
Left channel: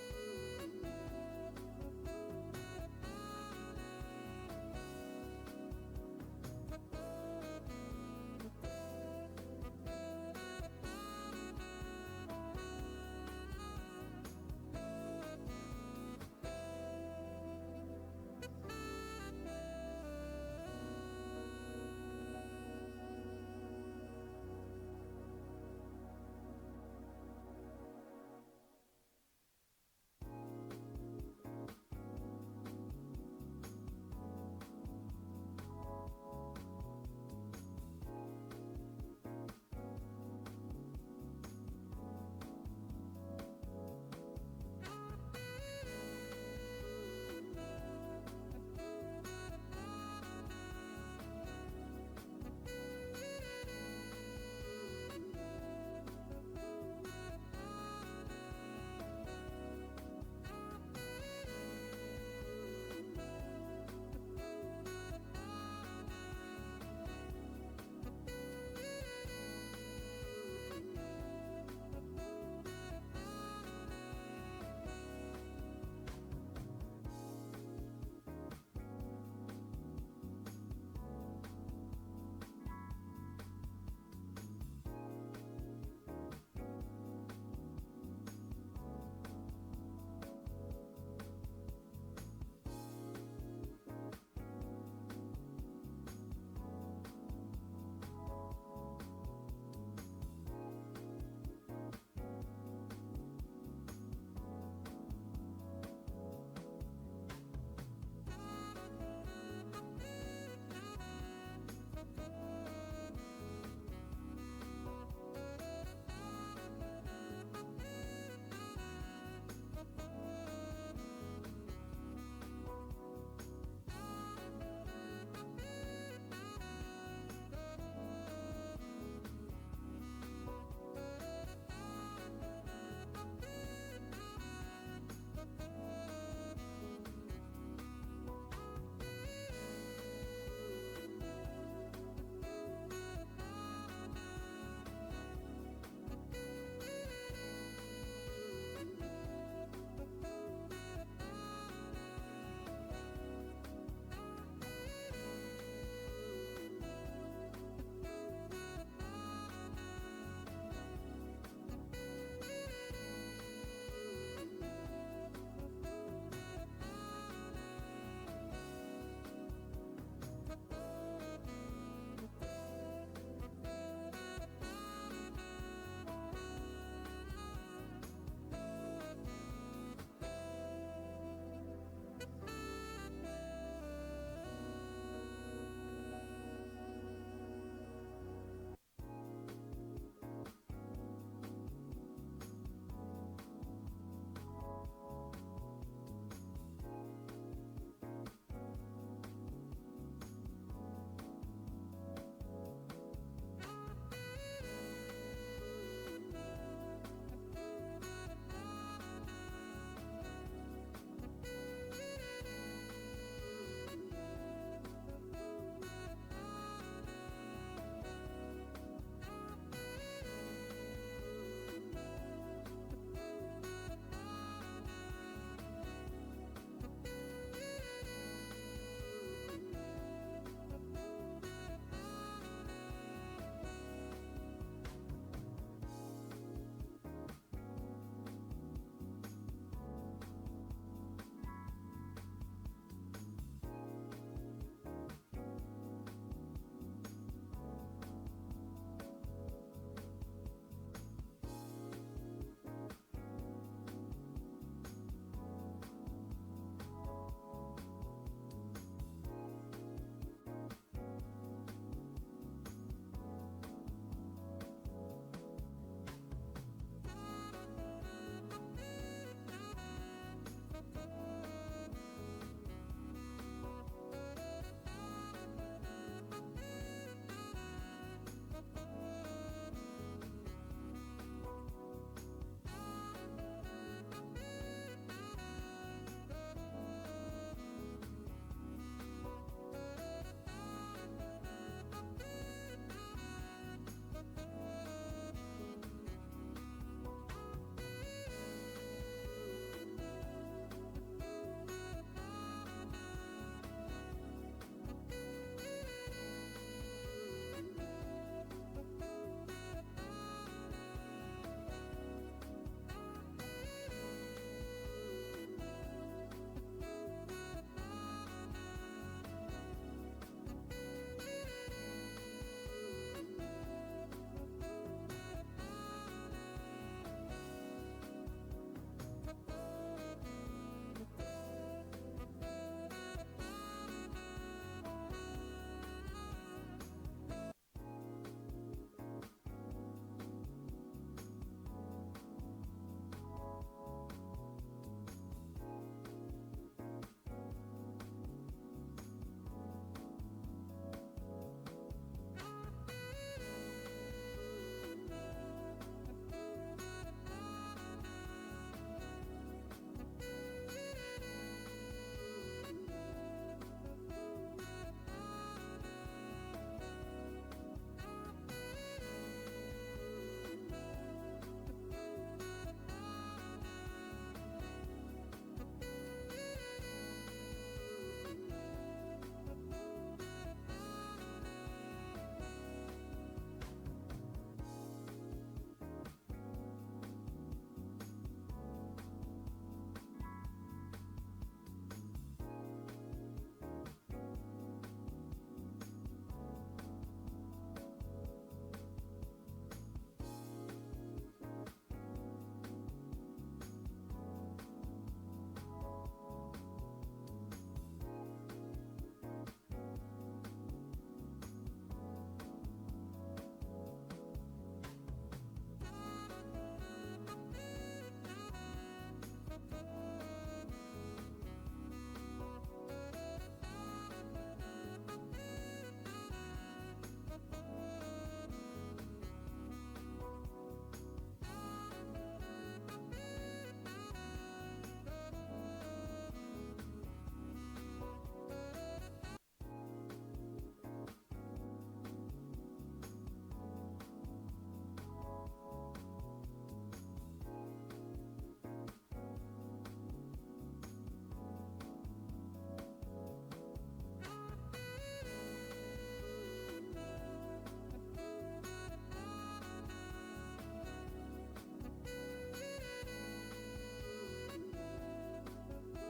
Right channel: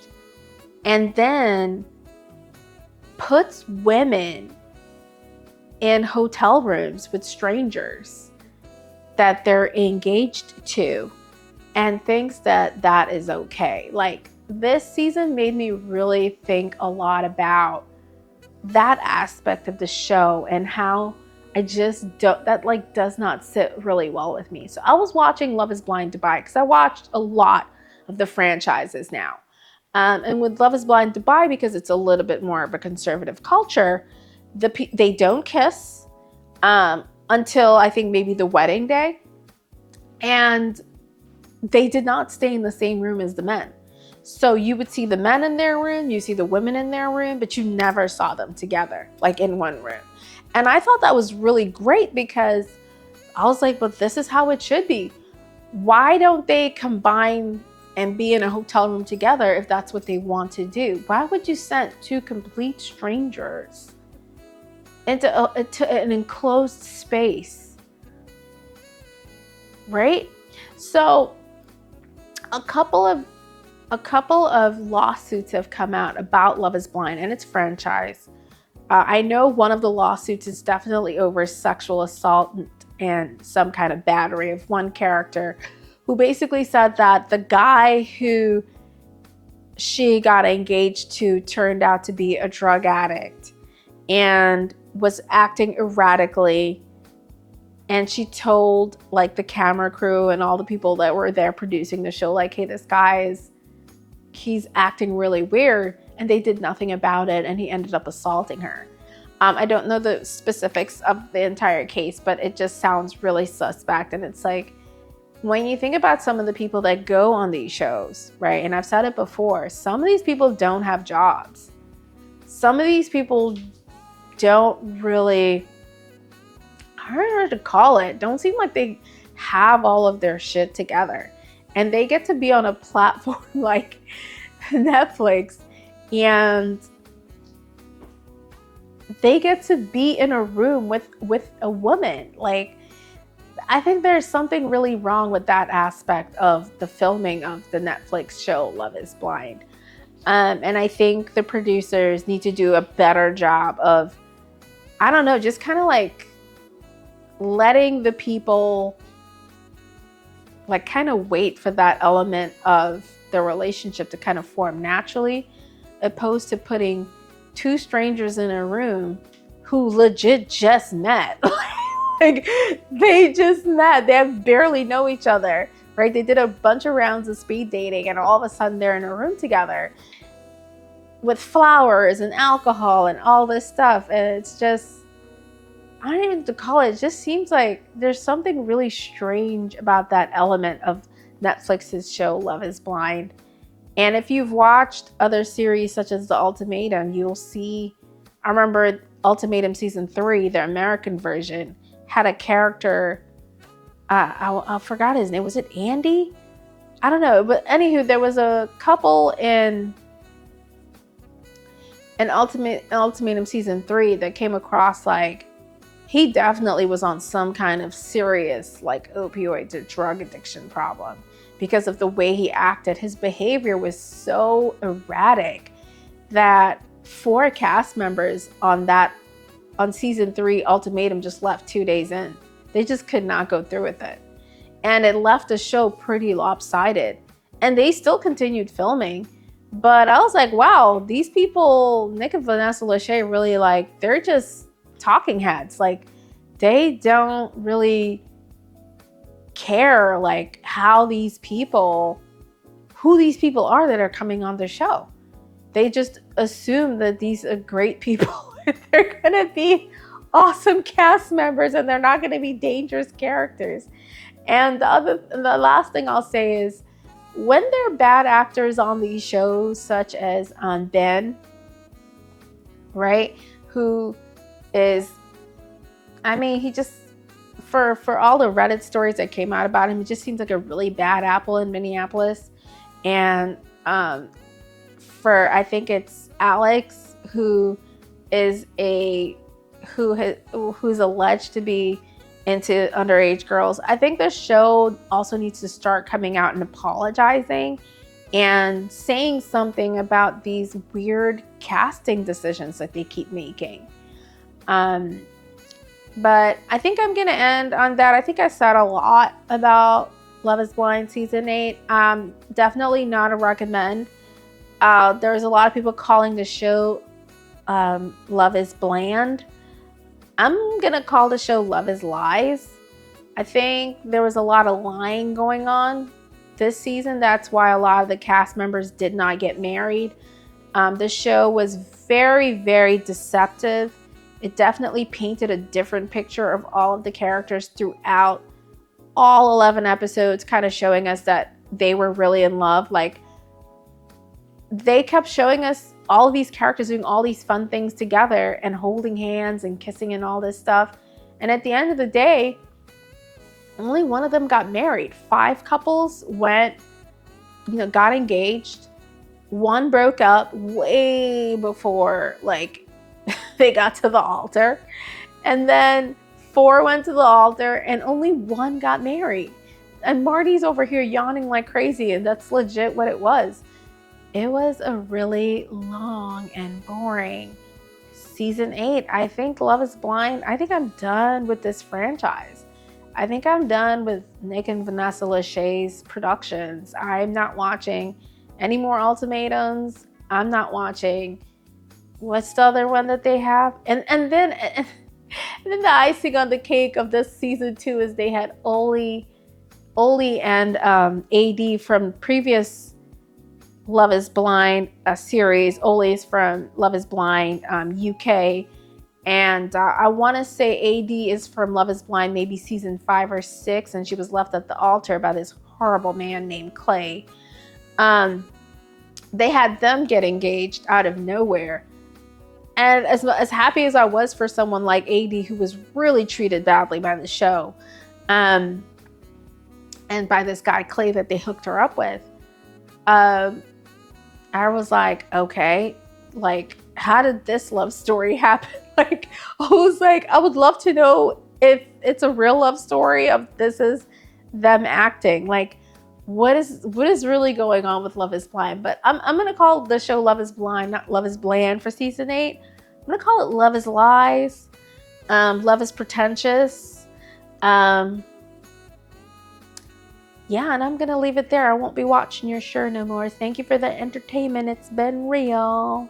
And then puts women in hotel rooms with strangers that they're engaged to and thinks that that is okay. Like, this season made me really think a lot about that aspect of the show and how I just don't, that like does not sit really well with me. So I was watching Love is Blind Dubai because I watched a lot of the franchises now. And with Love is Blind Dubai, because it's a little bit more of a conservative culture, they don't kiss until I think maybe the wedding day. And they did not stay in the same room as the men. So you would see the men in their room, you see the women in their room, but you never saw them together, like in one room. And I thought that was really great because I was like, but this is how it should be. Why don't they combine and be in a hotel room together if that's what they want to do? Why would you send two complete strangers into an enclosed space, right? So a couple of lawsuits have come out about Love is Blind and its franchise. I know one of the lawsuits is definitely over sexual assault and some kind of battery of one character, who basically said that the guy who she got engaged to turned out to be a drug addict and was acting erratically. And she told like the camera crew and all the people that were there producing the show, like, hey, this guy he's acting really weird. And they did nothing about it. And he ended up assaulting her. I don't know the specifics of the entire case, but it just sounds really suspect. And it's like, when you think about some of the people that go on these shows, right? And I've said it before, some of these people don't have jobs. Some of these people don't really, I don't know how to call it, don't seem like they have all of their shit together. And they get to be on a platform like Netflix, and they get to be in a room with a woman. Like, I think there's something really wrong with that aspect of the filming of the Netflix show Love is Blind. And I think the producers need to do a better job of, I don't know, just kind of like letting the people like kind of wait for that element of the relationship to kind of form naturally, opposed to putting two strangers in a room who legit just met. Like they just met. They barely know each other, right? They did a bunch of rounds of speed dating and all of a sudden they're in a room together with flowers and alcohol and all this stuff. And it's just, I don't even know what to call it. It just seems like there's something really strange about that element of Netflix's show Love is Blind. And if you've watched other series such as The Ultimatum, you'll see, I remember Ultimatum season 3, the American version, had a character, I forgot his name. Was it Andy? I don't know. But anywho, there was a couple in Ultimatum season 3 that came across like, he definitely was on some kind of serious like opioid to drug addiction problem because of the way he acted. His behavior was so erratic that 4 cast members on season 3 Ultimatum just left 2 days in. They just could not go through with it. And it left the show pretty lopsided. And they still continued filming. But I was like, wow, these people, Nick and Vanessa Lachey, really like, they're just talking heads. Like, they don't really care like who these people are that are coming on the show. They just assume that these are great people. They're gonna be awesome cast members and they're not gonna be dangerous characters. And the last thing I'll say is, when there are bad actors on these shows, such as Ben, right, who is, I mean, he just, for all the Reddit stories that came out about him, he just seems like a really bad apple in Minneapolis. And I think it's Alex, who's alleged to be into underage girls. I think the show also needs to start coming out and apologizing and saying something about these weird casting decisions that they keep making. But I think I'm gonna end on that. I think I said a lot about Love is Blind season 8. Definitely not a recommend. There's a lot of people calling the show Love is Bland. I'm gonna call the show Love is Lies. I think there was a lot of lying going on this season. That's why a lot of the cast members did not get married. The show was very, very deceptive. It definitely painted a different picture of all of the characters throughout all 11 episodes, kind of showing us that they were really in love. Like, they kept showing us all of these characters doing all these fun things together and holding hands and kissing and all this stuff. And at the end of the day, only one of them got married. 5 couples got engaged. 1 broke up way before they got to the altar. And then 4 went to the altar and only 1 got married. And Marty's over here yawning like crazy, and that's legit what it was. It was a really long and boring season 8. I think Love is Blind, I think I'm done with this franchise. I think I'm done with Nick and Vanessa Lachey's productions. I'm not watching any more Ultimatums. I'm not watching, what's the other one that they have? And then the icing on the cake of this season 2 is they had Oli and AD from previous Love is Blind series. Oli's from Love is Blind UK. And I want to say AD is from Love is Blind maybe season 5 or 6, and she was left at the altar by this horrible man named Clay. They had them get engaged out of nowhere. And as happy as I was for someone like AD, who was really treated badly by the show, and by this guy Clay that they hooked her up with, I was like, okay, like, how did this love story happen? Like, I was like, I would love to know if it's a real love story of this is them acting. Like, what is really going on with Love is Blind. But I'm gonna call the show Love is Blind, not Love is Bland for season 8. I'm gonna call it Love is Lies. Love is Pretentious. Yeah, and I'm gonna leave it there. I won't be watching your show no more. Thank you for the entertainment. It's been real.